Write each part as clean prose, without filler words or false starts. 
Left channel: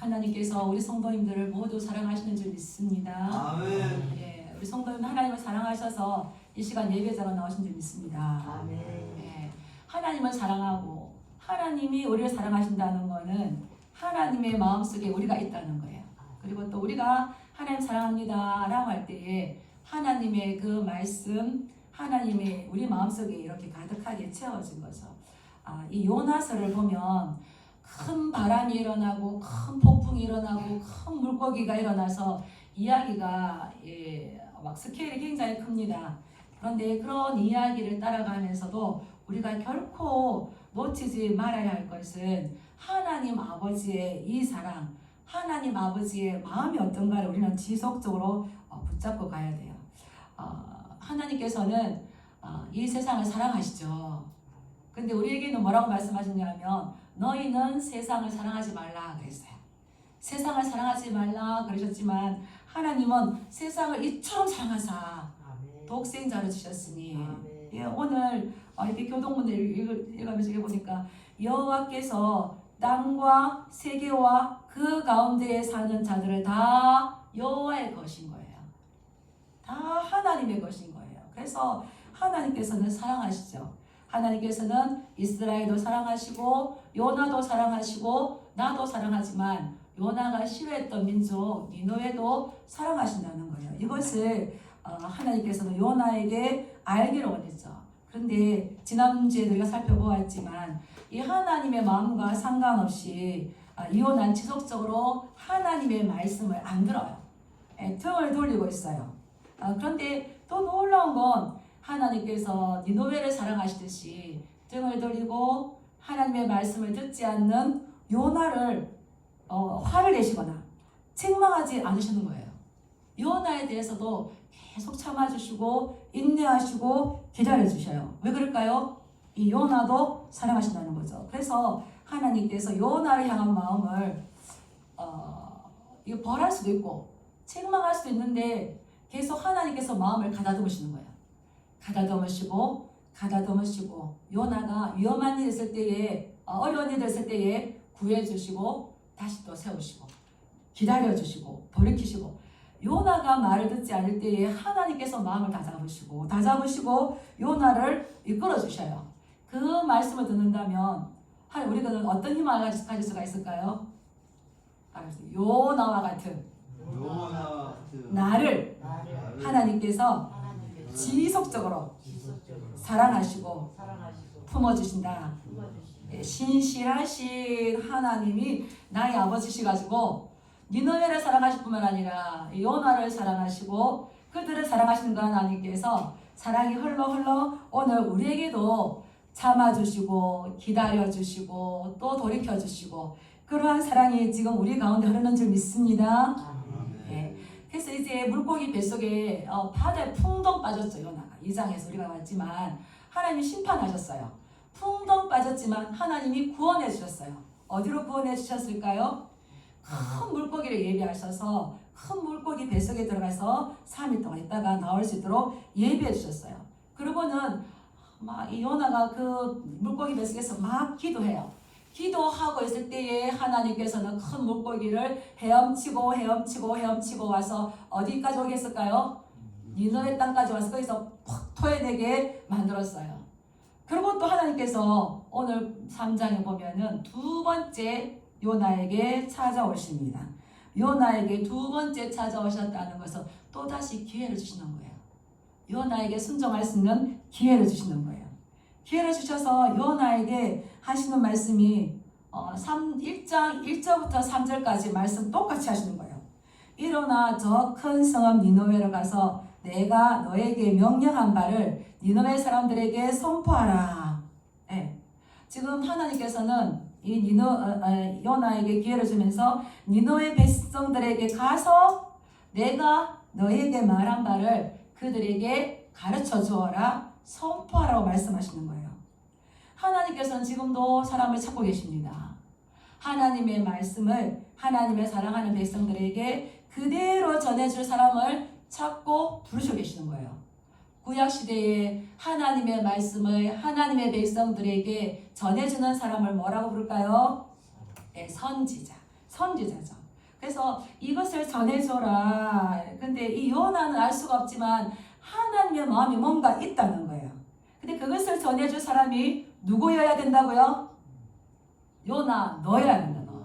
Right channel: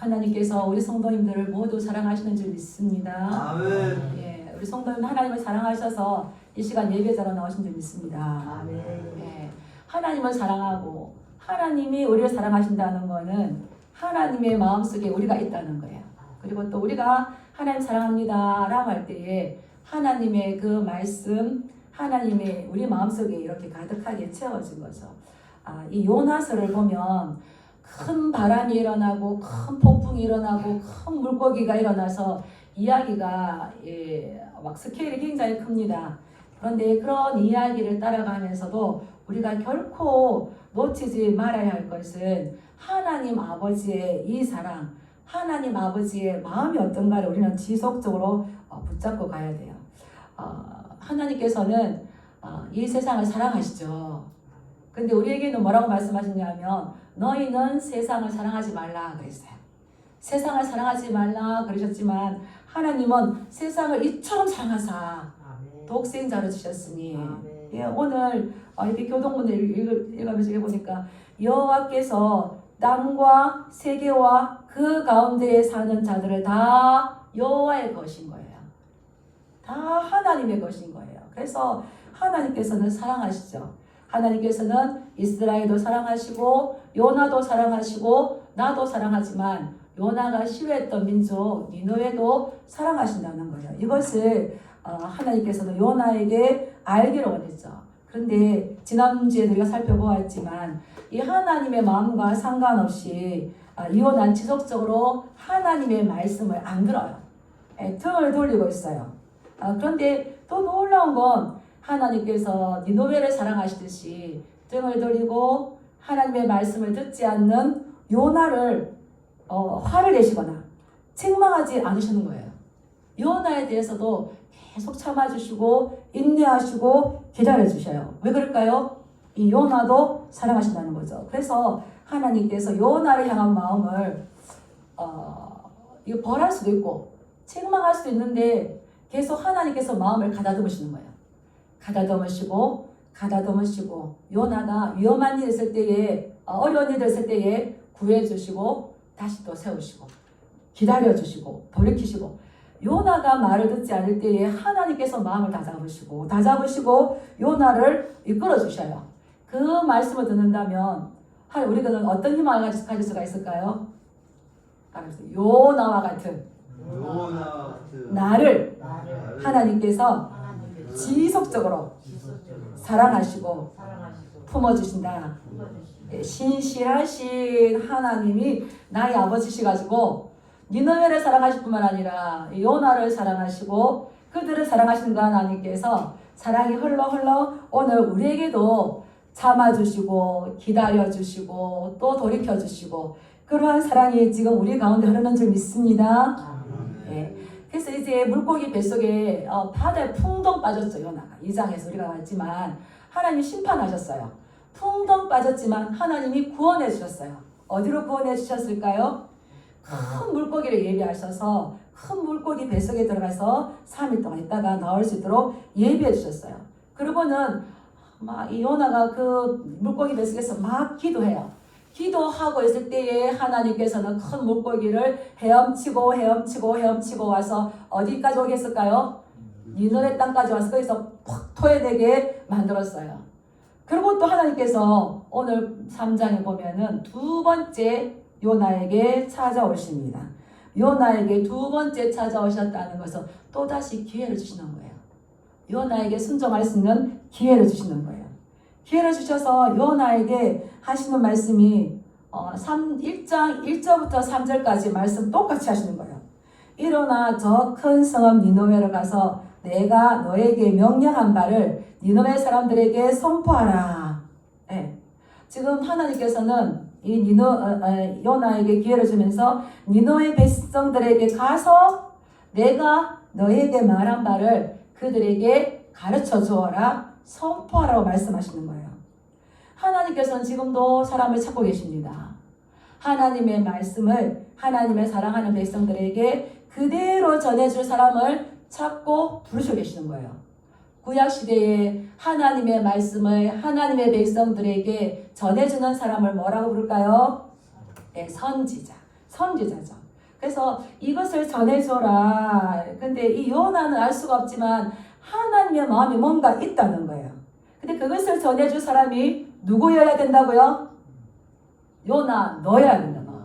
하나님께서 우리 성도님들을 모두 사랑하시는 줄 믿습니다. 아멘. 예, 우리 성도님 하나님을 사랑하셔서 이 시간 예배자로 나오신 줄 믿습니다. 아멘. 예, 하나님을 사랑하고 하나님이 우리를 사랑하신다는 것은 하나님의 마음속에 우리가 있다는 거예요. 그리고 또 우리가 하나님 사랑합니다 라고 할 때에 하나님의 그 말씀, 하나님의 우리 마음속에 이렇게 가득하게 채워진 거죠. 이 요나서를 보면 큰 바람이 일어나고 큰 폭풍이 일어나고 큰 물고기가 일어나서 이야기가 막 스케일이 굉장히 큽니다. 그런데 그런 이야기를 따라가면서도 우리가 결코 놓치지 말아야 할 것은 하나님 아버지의 이 사랑, 하나님 아버지의 마음이 어떤가를 우리는 지속적으로 붙잡고 가야 돼요. 하나님께서는 이 세상을 사랑하시죠. 근데 우리에게는 뭐라고 말씀하셨냐면 너희는 세상을 사랑하지 말라 그랬어요. 세상을 사랑하지 말라 그러셨지만 하나님은 세상을 이처럼 사랑하사 독생자를 주셨으니 예, 오늘 이렇게 교동문을 읽으면서 보니까 여호와께서 땅과 세계와 그 가운데에 사는 자들을 다 여호와의 것인 거예요. 다 하나님의 것인 거예요. 그래서 하나님께서는 사랑하시죠. 하나님께서는 이스라엘도 사랑하시고 요나도 사랑하시고 나도 사랑하지만 요나가 싫어했던 민족 니느웨도 사랑하신다는 거예요. 이것을 하나님께서는 요나에게 알기를 원했죠. 그런데 지난주에 우리가 살펴보았지만 이 하나님의 마음과 상관없이 요나는 지속적으로 하나님의 말씀을 안 들어요. 등을 돌리고 있어요. 그런데 또 놀라운 건 하나님께서 니느웨를 사랑하시듯이 등을 돌리고 하나님의 말씀을 듣지 않는 요나를 화를 내시거나 책망하지 않으시는 거예요. 요나에 대해서도 계속 참아주시고 인내하시고 기다려주셔요. 왜 그럴까요? 이 요나도 사랑하신다는 거죠. 그래서 하나님께서 요나를 향한 마음을 벌할 수도 있고 책망할 수도 있는데 계속 하나님께서 마음을 가다듬으시는 거예요. 가다듬으시고 요나가 위험한 일 있을 때에 어려운 일 있을 때에 구해주시고 다시 또 세우시고 기다려주시고 돌이키시고 요나가 말을 듣지 않을 때에 하나님께서 마음을 다잡으시고 요나를 이끌어주셔요. 그 말씀을 듣는다면 우리가 어떤 희망을 가질 수가 있을까요? 요나와 같은 나를 하나님께서 지속적으로 사랑하시고 품어주신다. 신실하신 하나님이 나의 아버지시가지고 니느웨를 사랑하실 뿐만 아니라 요나를 사랑하시고 그들을 사랑하시는 그 하나님께서 사랑이 흘러 오늘 우리에게도 참아주시고 기다려주시고 또 돌이켜주시고 그러한 사랑이 지금 우리 가운데 흐르는 줄 믿습니다. 네. 그래서 이제 물고기 뱃속에 바다에 풍덩 빠졌죠. 요나가 2장에서 우리가 봤지만 하나님이 심판하셨어요. 풍덩 빠졌지만 하나님이 구원해 주셨어요. 어디로 구원해 주셨을까요? 큰 물고기를 예비하셔서 큰 물고기 뱃속에 들어가서 3일 동안 있다가 나올 수 있도록 예비해 주셨어요. 그리고는 이 요나가 그 물고기 뱃속에서 막 기도해요. 기도하고 있을 때에 하나님께서는 큰 물고기를 헤엄치고 와서 어디까지 오겠을까요? 니느웨 땅까지 와서 거기서 팍 토해내게 만들었어요. 그리고 또 하나님께서 오늘 3장에 보면은 두 번째 요나에게 찾아오십니다. 요나에게 두 번째 찾아오셨다는 것은 또다시 기회를 주시는 거예요. 요나에게 순종할 수 있는 기회를 주시는 거예요. 기회를 주셔서 요나에게 하시는 말씀이 1장 1절부터 3절까지 말씀 똑같이 하시는 거예요. 일어나 저 큰 성읍 니느웨로 가서 내가 너에게 명령한 바를 니느웨 사람들에게 선포하라. 네. 지금 하나님께서는 이 요나에게 기회를 주면서 니느웨 백성들에게 가서 내가 너에게 말한 바를 그들에게 가르쳐 주어라, 선포하라고 말씀하시는 거예요. 하나님께서는 지금도 사람을 찾고 계십니다. 하나님의 말씀을 하나님을 사랑하는 백성들에게 그대로 전해줄 사람을 찾고 부르시고 계시는 거예요. 구약시대에 하나님의 말씀을 하나님의 백성들에게 전해주는 사람을 뭐라고 부를까요? 네, 선지자. 선지자죠. 그래서 이것을 전해줘라. 근데 이 요나는 알 수가 없지만 하나님의 마음이 뭔가 있다는 거예요. 근데 그것을 전해줄 사람이 누구여야 된다고요? 요나 너여야 된다고.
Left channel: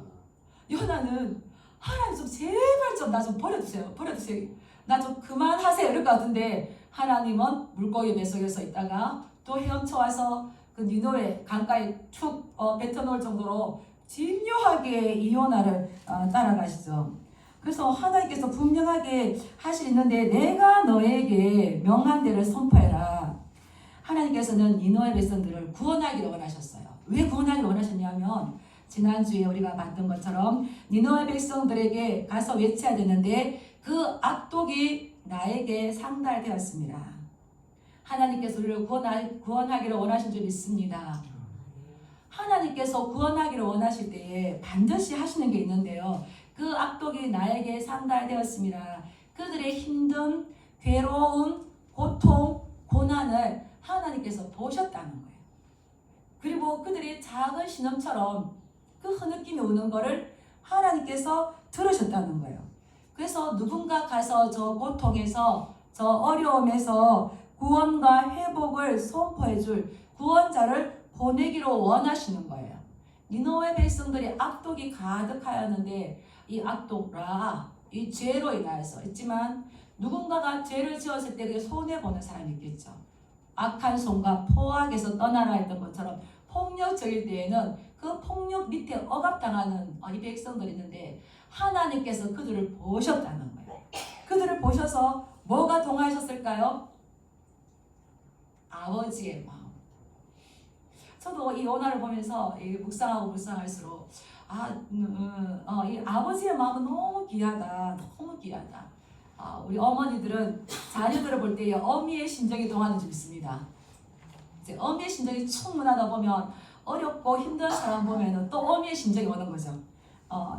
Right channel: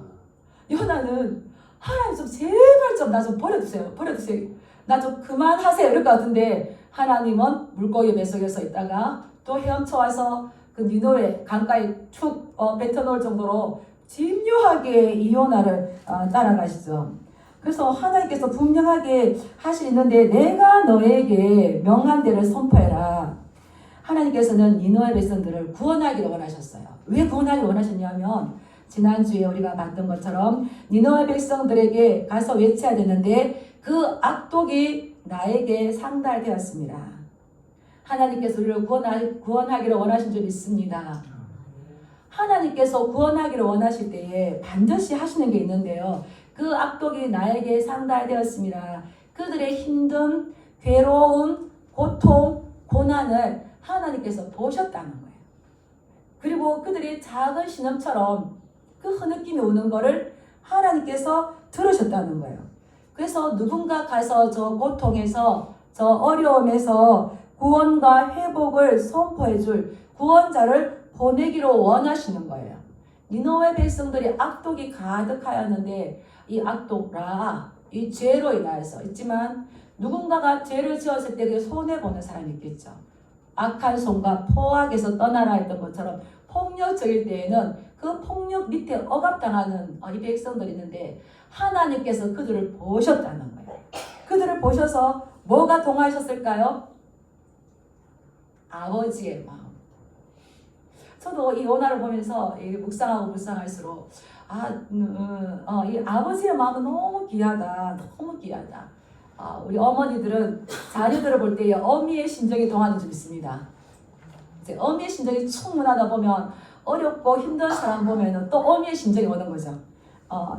요나는 하나님 좀 제발 좀 나 좀 버려주세요. 버려주세요. 나 좀 그만하세요. 이럴 것 같은데 하나님은 물고기 뱃속에서 있다가 또 헤엄쳐 와서 그 니느웨 강가에 툭 뱉어놓을 정도로 집요하게 이 요나를 따라가시죠. 그래서 하나님께서 분명하게 하시는데 내가 너에게 명한 대로 선포해라. 하나님께서는 니느웨 백성들을 구원하기를 원하셨어요. 왜 구원하기를 원하셨냐면 지난주에 우리가 봤던 것처럼 니느웨 백성들에게 가서 외쳐야 되는데 그 악독이 나에게 상달되었습니다. 하나님께서 우리를 구원하기를 원하신 줄 믿습니다. 하나님께서 구원하기를 원하실 때에 반드시 하시는 게 있는데요. 그 악독이 나에게 상달되었습니다. 그들의 힘든 괴로움, 고통, 고난을 하나님께서 보셨다는 거예요. 그리고 그들의 작은 신음처럼 그 흐느낌이 오는 것을 하나님께서 들으셨다는 거예요. 그래서 누군가 가서 저 고통에서 저 어려움에서 구원과 회복을 선포해 줄 구원자를 보내기를 원하시는 거예요. 니느웨 백성들이 악독이 가득하였는데 이 악독라 이 죄로 인하여서 있지만 누군가가 죄를 지었을 때 그 손해보는 사람이 있겠죠. 악한 손과 포악에서 떠나라 했던 것처럼 폭력적일 때에는 그 폭력 밑에 억압당하는 이 백성들이 있는데 하나님께서 그들을 보셨다는 거예요. 그들을 보셔서 뭐가 동하셨을까요? 아버지의 마음. 저도 이 요나를 보면서 묵상하고 묵상할수록 이 아버지의 마음은 너무 귀하다. 너무 귀하다. 우리 어머니들은 자녀들을 볼 때 어미의 심정이 동하는 줄 믿습니다. 이제 어미의 심정이 충분하다 보면 어렵고 힘든 사람 보면 또 어미의 심정이 오는 거죠.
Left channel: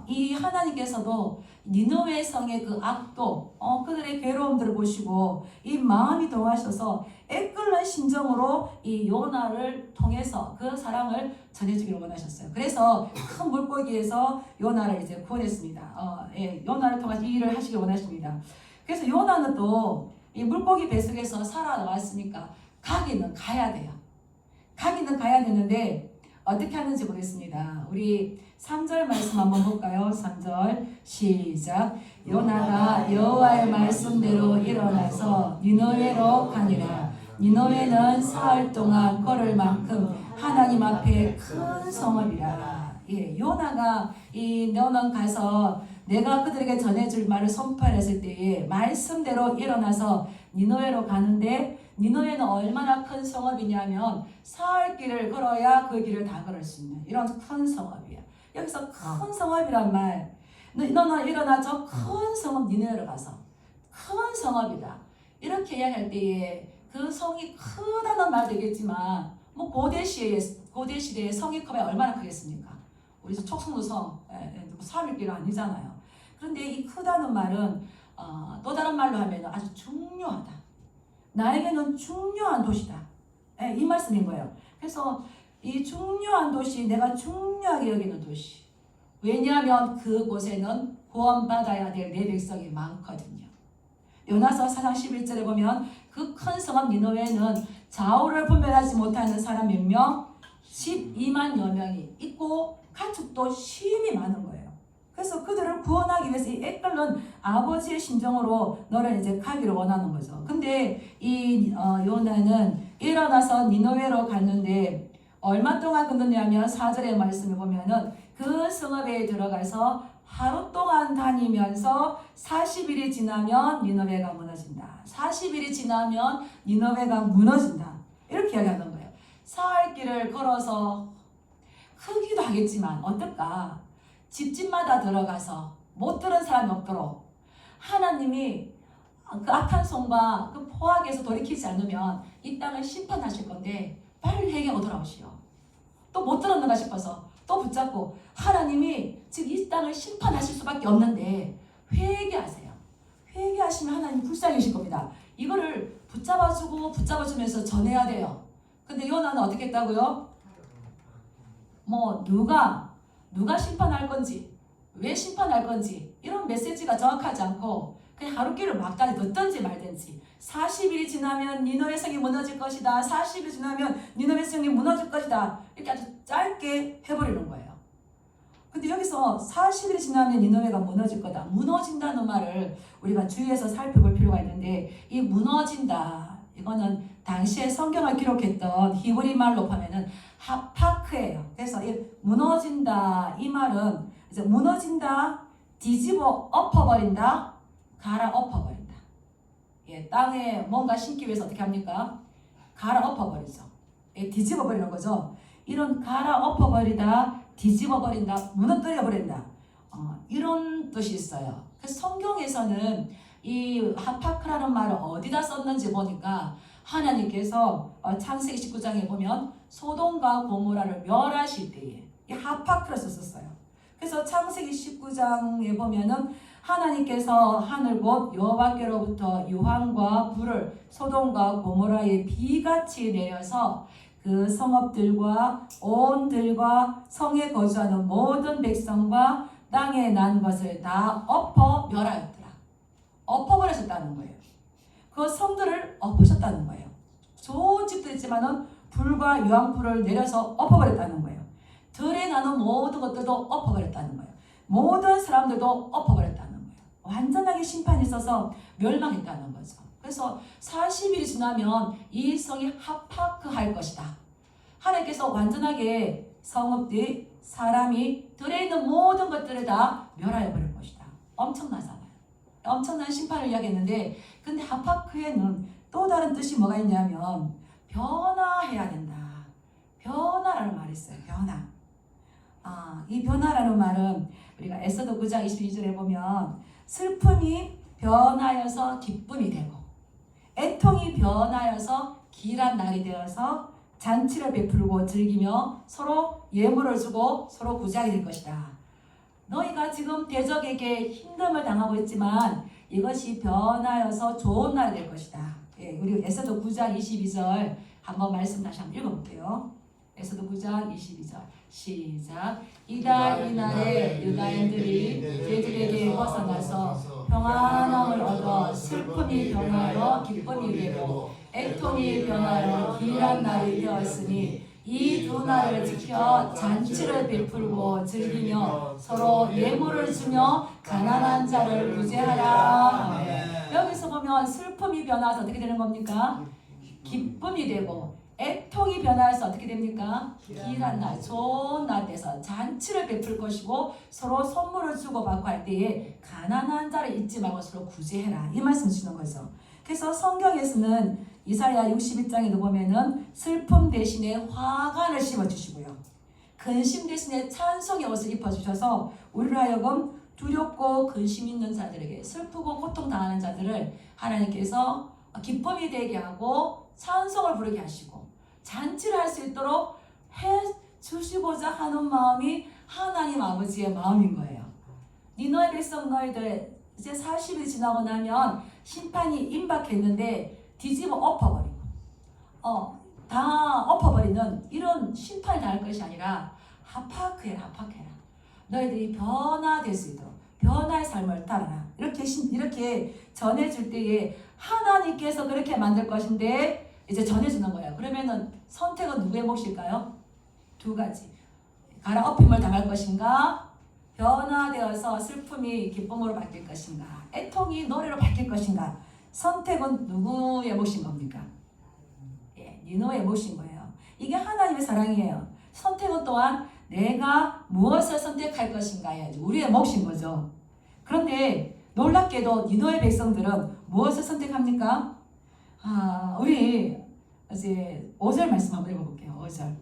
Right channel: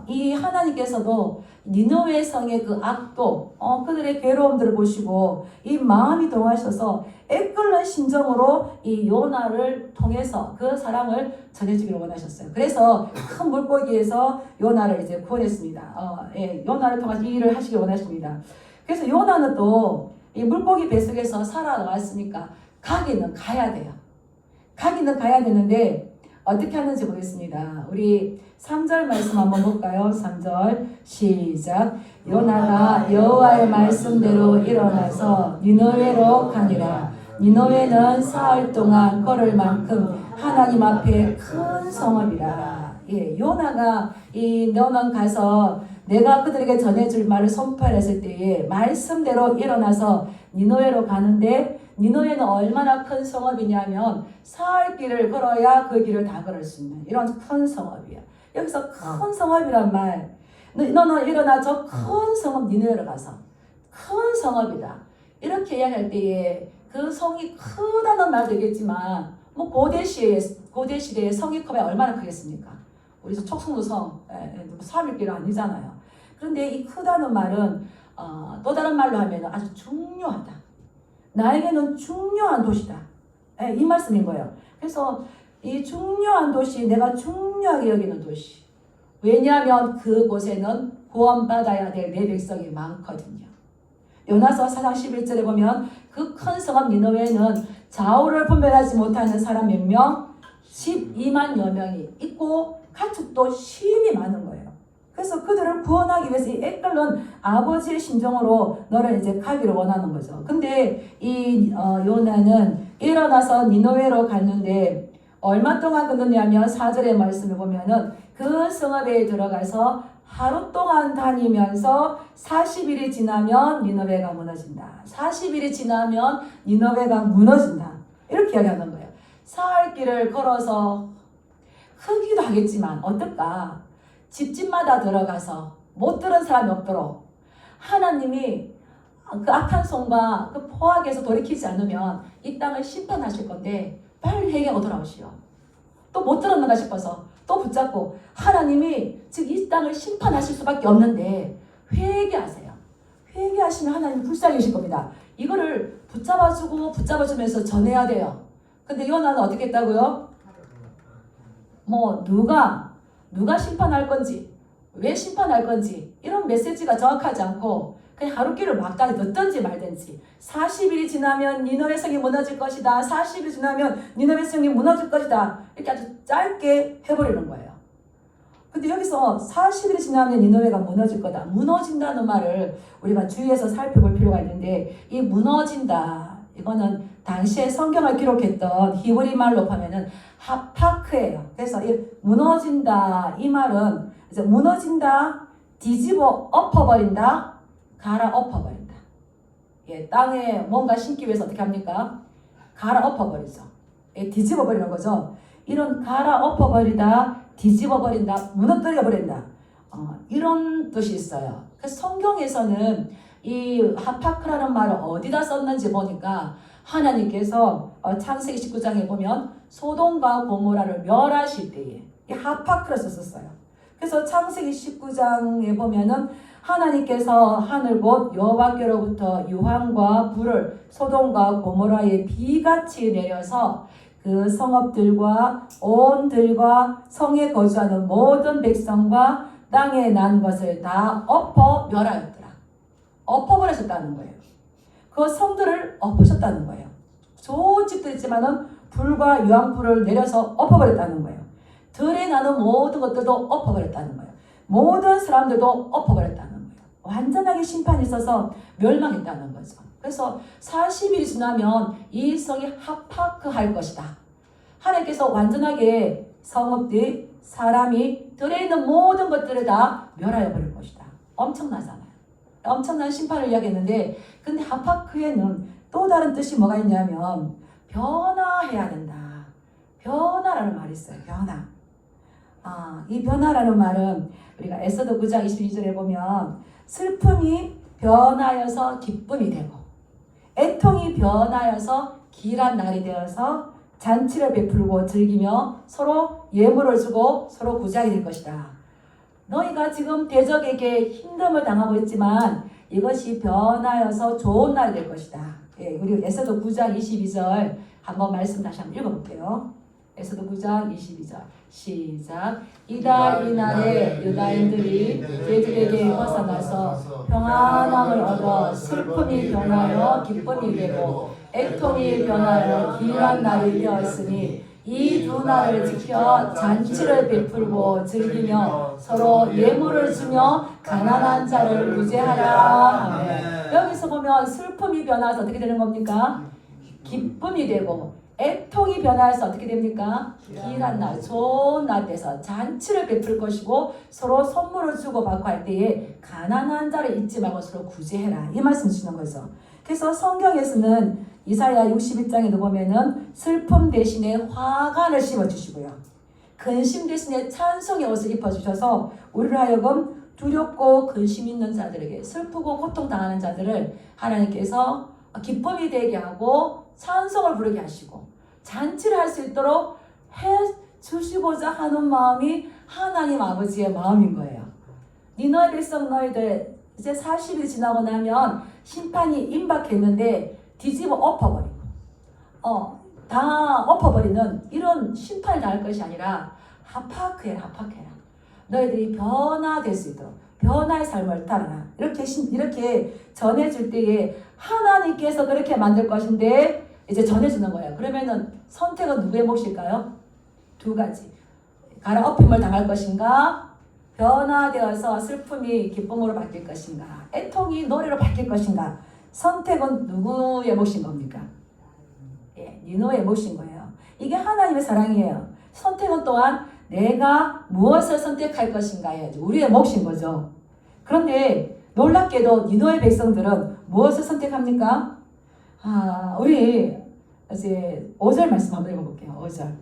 이 하나님께서도 니느웨 성의 그 악도 그들의 괴로움들을 보시고 이 마음이 동하셔서 애끓는 심정으로 이 요나를 통해서 그 사랑을 전해주기를 원하셨어요. 그래서 큰 물고기에서 요나를 이제 구원했습니다. 요나를 통해서 이 일을 하시길 원하십니다. 그래서 요나는 또 이 물고기 뱃속에서 살아나왔으니까 가기는 가야 돼요. 가기는 가야 되는데 어떻게 하는지 보겠습니다. 우리 3절 말씀 한번 볼까요? 3절 시작. 요나가 여호와의 말씀대로 일어나서 니느웨로 가니라. 니느웨는 사흘 동안 걸을 만큼 하나님 앞에 큰 성읍이라. 요나가 너는 가서 내가 그들에게 전해줄 말을 선포했을 때에 말씀대로 일어나서 니느웨로 가는데 니느웨는 얼마나 큰 성읍이냐면 사흘 길을 걸어야 그 길을 다 걸을 수 있는 이런 큰 성읍이야. 여기서 큰 성읍이란 말, 너는 일어나 저 큰 성읍 니느웨로 가서 큰 성읍이다. 이렇게 이야기할 때에 그 성이 크다는 말도 있겠지만 뭐 고대 시대의 성이 크면 얼마나 크겠습니까? 우리 촉성도 성, 사흘길 아니잖아요. 그런데 이 크다는 말은 또 다른 말로 하면 아주 중요하다. 나에게는 중요한 도시다. 이 말씀인 거예요. 그래서 이 중요한 도시, 내가 중요하게 여기는 도시. 왜냐하면 그곳에는 구원받아야 될 내 백성이 많거든요. 요나서 4장 11절에 보면 그 큰 성읍 니느웨는 좌우를 분별하지 못하는 사람 몇 명? 12만여 명이 있고 가축도 심히 많은 거예요. 그래서 그들을 구원하기 위해서 이 애끓는 아버지의 심정으로 너를 이제 가기를 원하는 거죠. 근데 이 요나는 일어나서 니느웨로 갔는데 얼마 동안 걷느냐면 4절의 말씀을 보면은 그 성읍에 들어가서 하루 동안 다니면서 40일이 지나면 니느웨가 무너진다. 40일이 지나면 니느웨가 무너진다. 이렇게 이야기하는 거예요. 사흘 길을 걸어서 크기도 하겠지만 어떨까? 집집마다 들어가서 못 들은 사람이 없도록 하나님이 그 악한 손과 그 포악에서 돌이키지 않으면 이 땅을 심판하실 건데 빨리 회개하고 돌아오시오. 또 못 들었는가 싶어서 또 붙잡고 하나님이 즉 이 땅을 심판하실 수밖에 없는데 회개하세요. 회개하시면 하나님 불쌍히실 겁니다. 이거를 붙잡아주면서 전해야 돼요. 근데 요나는 어떻게 했다고요? 뭐 누가 심판할 건지 왜 심판할 건지 이런 메시지가 정확하지 않고 그냥 하루길을 막다니 듣든지 말든지 40일이 지나면 니느웨 성이 무너질 것이다. 40일이 지나면 니느웨 성이 무너질 것이다. 이렇게 아주 짧게 해버리는 거예요. 근데 여기서 40일이 지나면 니느웨가 무너질 거다. 무너진다는 말을 우리가 주의해서 살펴볼 필요가 있는데 이 무너진다. 이거는 당시에 성경을 기록했던 히브리 말로 보면은 하파크예요. 그래서 이 무너진다 이 말은 이제 무너진다, 뒤집어 엎어버린다, 갈아 엎어버린다. 예, 땅에 뭔가 심기 위해서 어떻게 합니까? 갈아 엎어버리죠. 예, 뒤집어버리는 거죠. 이런 갈아 엎어버리다, 뒤집어버린다, 무너뜨려버린다. 이런 뜻이 있어요. 그래서 성경에서는 이 하파크라는 말을 어디다 썼는지 보니까 하나님께서 창세기 19장에 보면 소돔과 고모라를 멸하실 때에 이 하파크를 썼어요. 그래서 창세기 19장에 보면은 하나님께서 하늘 곧 여호와께로부터 유황과 불을 소돔과 고모라에 비같이 내려서 그 성읍들과 온 들과 성에 거주하는 모든 백성과 땅에 난 것을 다 엎어 멸하였더라. 엎어버리셨다는 거예요. 그 성들을 엎으셨다는 거예요. 좋은 집도 있지만은 불과 유황불을 내려서 엎어버렸다는 거예요. 들에 나는 모든 것들도 엎어버렸다는 거예요. 모든 사람들도 엎어버렸다는 거예요. 완전하게 심판이 있어서 멸망했다는 거죠. 그래서 40일이 지나면 이 성이 하파크할 것이다. 하나님께서 완전하게 성읍들, 사람이 들에 있는 모든 것들을 다 멸하여 버릴 것이다. 엄청나잖아요. 엄청난 심판을 이야기했는데 근데 하파크에는 또 다른 뜻이 뭐가 있냐면 변화해야 된다. 변화라는 말이 있어요. 변화. 이 변화라는 말은 우리가 에스더 9장 22절에 보면 슬픔이 변하여서 기쁨이 되고 애통이 변하여서 길한 날이 되어서 잔치를 베풀고 즐기며 서로 예물을 주고 서로 구제하게 될 것이다. 너희가 지금 대적에게 힘듦을 당하고 있지만 이것이 변하여서 좋은 날이 될 것이다. 예, 우리 에스더 9장 22절 한번 말씀 다시 한번 읽어볼게요. 에스더 9장 22절 시작. 이날에 유다인들이 그들에게 벗어나서 평안함을 얻어 슬픔이 변하여 기쁨이 되고 애통이 변하여 길한 날이 되었으니 이 두 날을 지켜 잔치를 베풀고 즐기며 서로 예물을 주며 가난한 자를 구제하라 하며 여기서 보면 슬픔이 변해서 어떻게 되는 겁니까? 기쁨이 되고 애통이 변해서 어떻게 됩니까? 길한 날, 좋은 날에서 잔치를 베풀 것이고 서로 선물을 주고 받고 할 때에 가난한 자를 잊지 말고 서로 구제해라 이 말씀 주시는 거죠. 그래서 성경에서는 이사야 61장에도 보면은 슬픔 대신에 화관을 씌워주시고요. 근심 대신에 찬송의 옷을 입혀주셔서 우리를 하여금 두렵고 근심 있는 자들에게 슬프고 고통당하는 자들을 하나님께서 기쁨이 되게 하고 찬송을 부르게 하시고 잔치를 할 수 있도록 해주시고자 하는 마음이 하나님 아버지의 마음인 거예요. 니느웨 백성 너희들 이제 40일 지나고 나면 심판이 임박했는데 뒤집어 엎어버리고 다 엎어버리는 이런 심판을 당할 것이 아니라 하파크해라. 너희들이 변화될 수 있도록 변화의 삶을 따르라. 이렇게 전해줄 때에 하나님께서 그렇게 만들 것인데 이제 전해주는 거예요. 그러면은 선택은 누구의 몫일까요? 두 가지. 갈아 엎임을 당할 것인가? 변화되어서 슬픔이 기쁨으로 바뀔 것인가? 애통이 노래로 바뀔 것인가? 선택은 누구의 몫인 겁니까? 예, 니느웨의 몫인 거예요. 이게 하나님의 사랑이에요. 선택은 또한 내가 무엇을 선택할 것인가에 우리의 몫인 거죠. 그런데 놀랍게도 니느웨 백성들은 무엇을 선택합니까? 우리 이제 5절 말씀 한번 읽어볼게요. 5절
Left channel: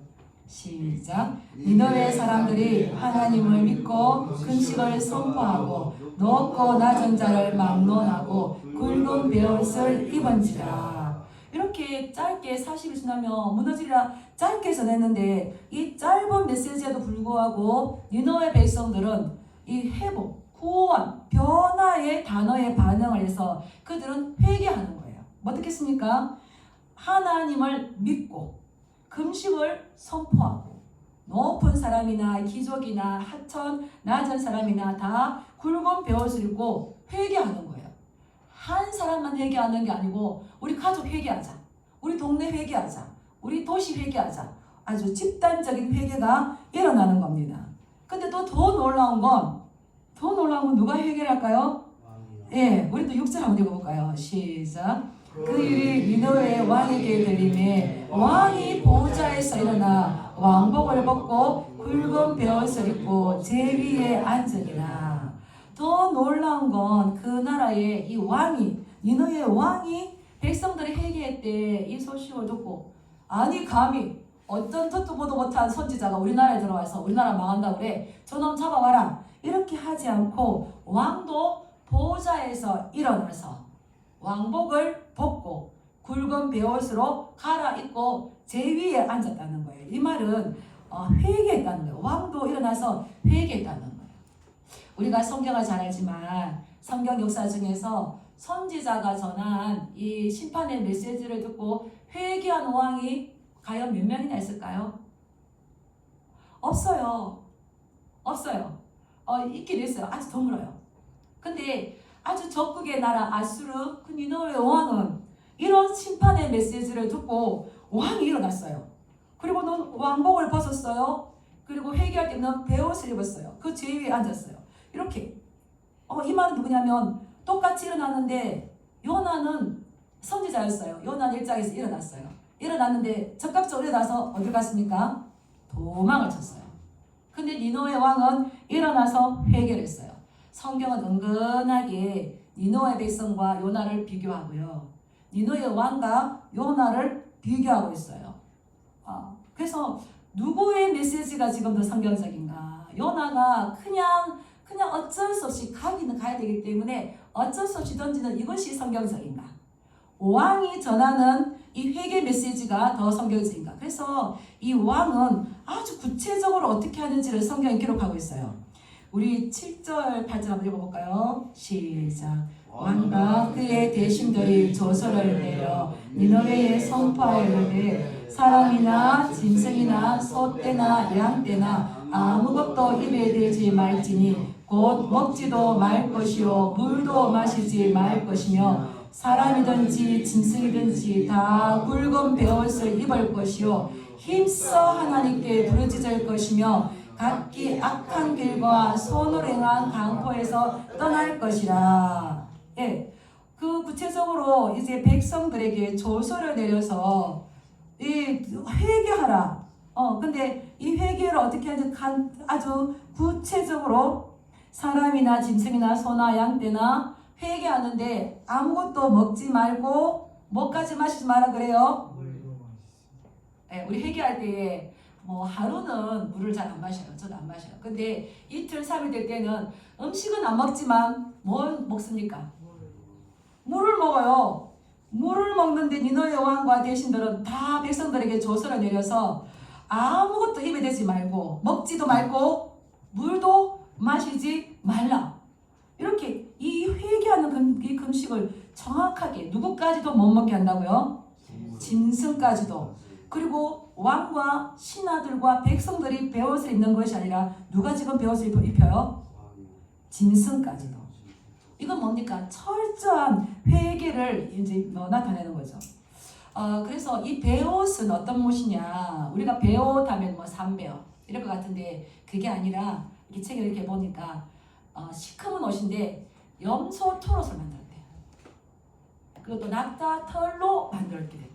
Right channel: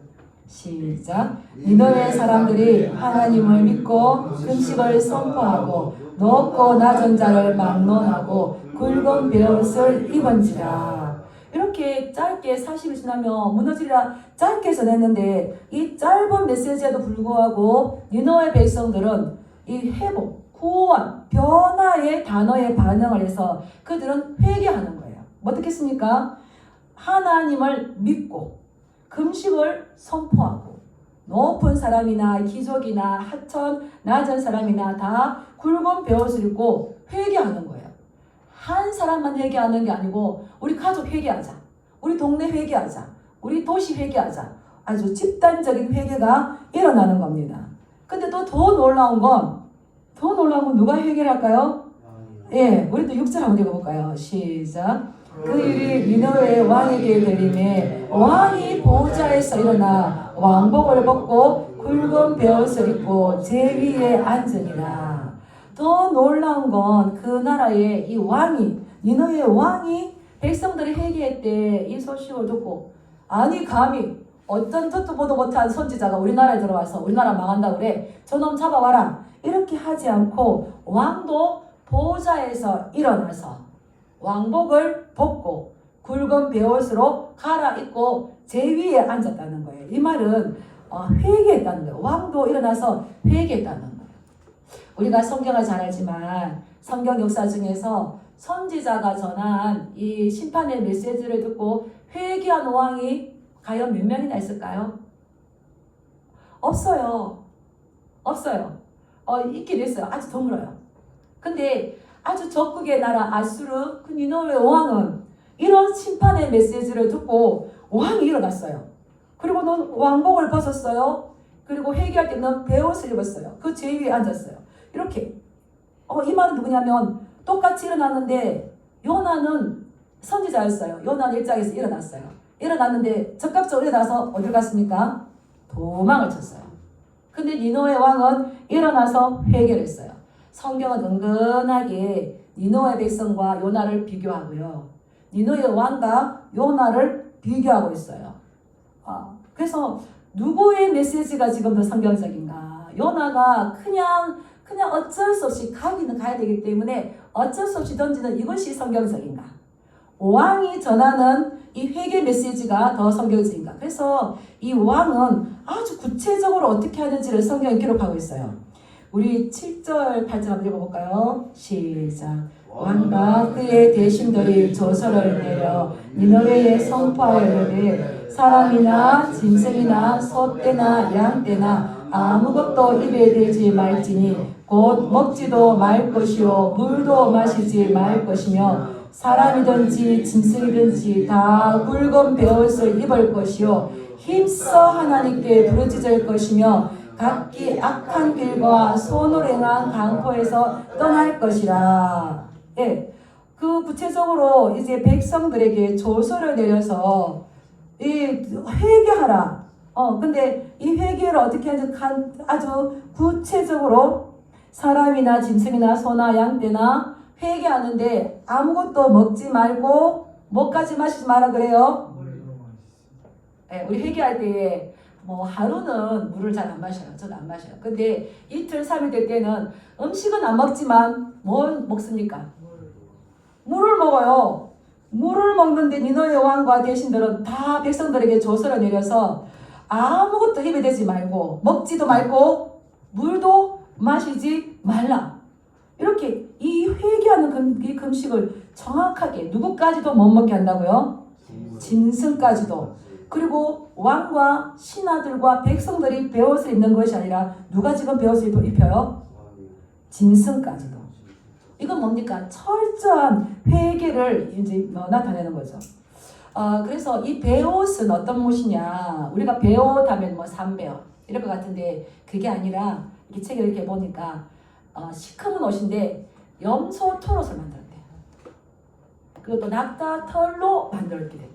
시작. 니느웨 사람들이 하나님을 믿고 금식을 선포하고 높고 낮은 자를 막론하고 굵은 베옷을 입은지라. 이렇게 짧게 40일 지나면 무너지리라 짧게 전했는데 이 짧은 메시지에도 불구하고 니느웨 백성들은 이 회복, 구원, 변화의 단어에 반응을 해서 그들은 회개하는 거예요. 어떻게 했습니까? 하나님을 믿고 금식을 선포하고 높은 사람이나 귀족이나 하천 낮은 사람이나 다 굵은 베옷을 입고 회개하는 거예요. 한 사람만 회개하는 게 아니고 우리 가족 회개하자, 우리 동네 회개하자, 우리 도시 회개하자. 아주 집단적인 회개가 일어나는 겁니다. 근데 또 더 놀라운 건 누가 회개를 할까요? 예, 우리도 6절 한번 읽어볼까요? 시작. 그 일이 니느웨의 왕에게 들리매 왕이 보좌에서 일어나 왕복을 벗고 굵은 베옷을 입고 제위에 앉으리라. 더 놀라운 건 그 나라의 이 왕이, 니느웨의 왕이 백성들이 회개했대 이 소식을 듣고, 아니 감히 어떤 듣도 보도 못한 선지자가 우리나라에 들어와서 우리나라 망한다 그래, 저놈 잡아와라, 이렇게 하지 않고 왕도 보좌에서 일어나서 왕복을 벗고 굵은 베옷으로 갈아입고 제위에 앉았다는 거예요. 이 말은 회개했다는 거예요. 왕도 일어나서 회개했다는 거예요. 우리가 성경을 잘 알지만 성경 역사 중에서 선지자가 전한 이 심판의 메시지를 듣고 회개한 왕이 과연 몇 명이나 있을까요? 없어요. 있긴 있어요. 아주 드물어요. 근데 아주 적국의 나라 아수르 그 니느웨 왕은 이런 심판의 메시지를 듣고 왕이 일어났어요. 그리고 넌 왕복을 벗었어요. 그리고 회개할 때는 베옷을 입었어요. 그 제위에 앉았어요. 이렇게 이 말은 누구냐면 똑같이 일어났는데 요나는 선지자였어요. 요나는 일장에서 일어났어요. 일어났는데 적극적으로 일어나서 어딜 갔습니까? 도망을 쳤어요. 근데 니느웨 왕은 일어나서 회개를 했어요. 성경은 은근하게 니느웨 백성과 요나를 비교하고요. 니느웨 왕과 요나를 비교하고 있어요. 그래서 누구의 메시지가 지금 더 성경적인가? 요나가 그냥 어쩔 수 없이 가기는 가야 되기 때문에 어쩔 수 없이 던지는 이것이 성경적인가? 왕이 전하는 이 회개 메시지가 더 성경적인가? 그래서 이 왕은 아주 구체적으로 어떻게 하는지를 성경에 기록하고 있어요. 우리 7절, 8절 한번 읽어볼까요? 시작. 왕과 그의 대신들이 조서를 내려 니느웨에 선포하여 이르되 사람이나 짐승이나 소떼나 양떼나 아무것도 입에 대지 말지니 곧 먹지도 말 것이요 물도 마시지 말 것이며 사람이든지 짐승이든지 다 굵은 베옷을 입을 것이요 힘써 하나님께 부르짖을 것이며 각기 악한 길과 손으로 행한 강포에서 떠날 것이라. 예, 그 구체적으로 이제 백성들에게 조서를 내려서 회개하라. 근데 이 회개를 어떻게 하는지 아주 구체적으로 사람이나 짐승이나 소나 양떼나 회개하는데 아무것도 먹지 말고 뭐까지 마시지 마라 그래요? 네, 우리 회개할 때 뭐 하루는 물을 잘 안 마셔요. 저는 안 마셔요. 근데 이틀, 3일 될 때는 음식은 안 먹지만 뭘 먹습니까? 물을 먹어요. 물을 먹는데 니느웨 왕과 대신들은 다 백성들에게 조서를 내려서 아무것도 입에 대지 말고 먹지도 말고 물도 마시지 말라. 이렇게 이 회개하는 이 금식을 정확하게 누구까지도 못 먹게 한다고요? 짐승까지도. 그리고 왕과 신하들과 백성들이 베옷을 입는 것이 아니라 누가 지금 베옷을 입혀요? 짐승까지도. 이건 뭡니까? 철저한 회개를 이제 나타내는 거죠. 그래서 이 베옷은 어떤 옷이냐? 우리가 베옷 하면 뭐 삼베옷 이럴 것 같은데 그게 아니라 이 책을 이렇게 보니까 시커먼 옷인데 염소 털옷을 만들었대요. 그리고 또 낙타 털로 만들었게 됐대요.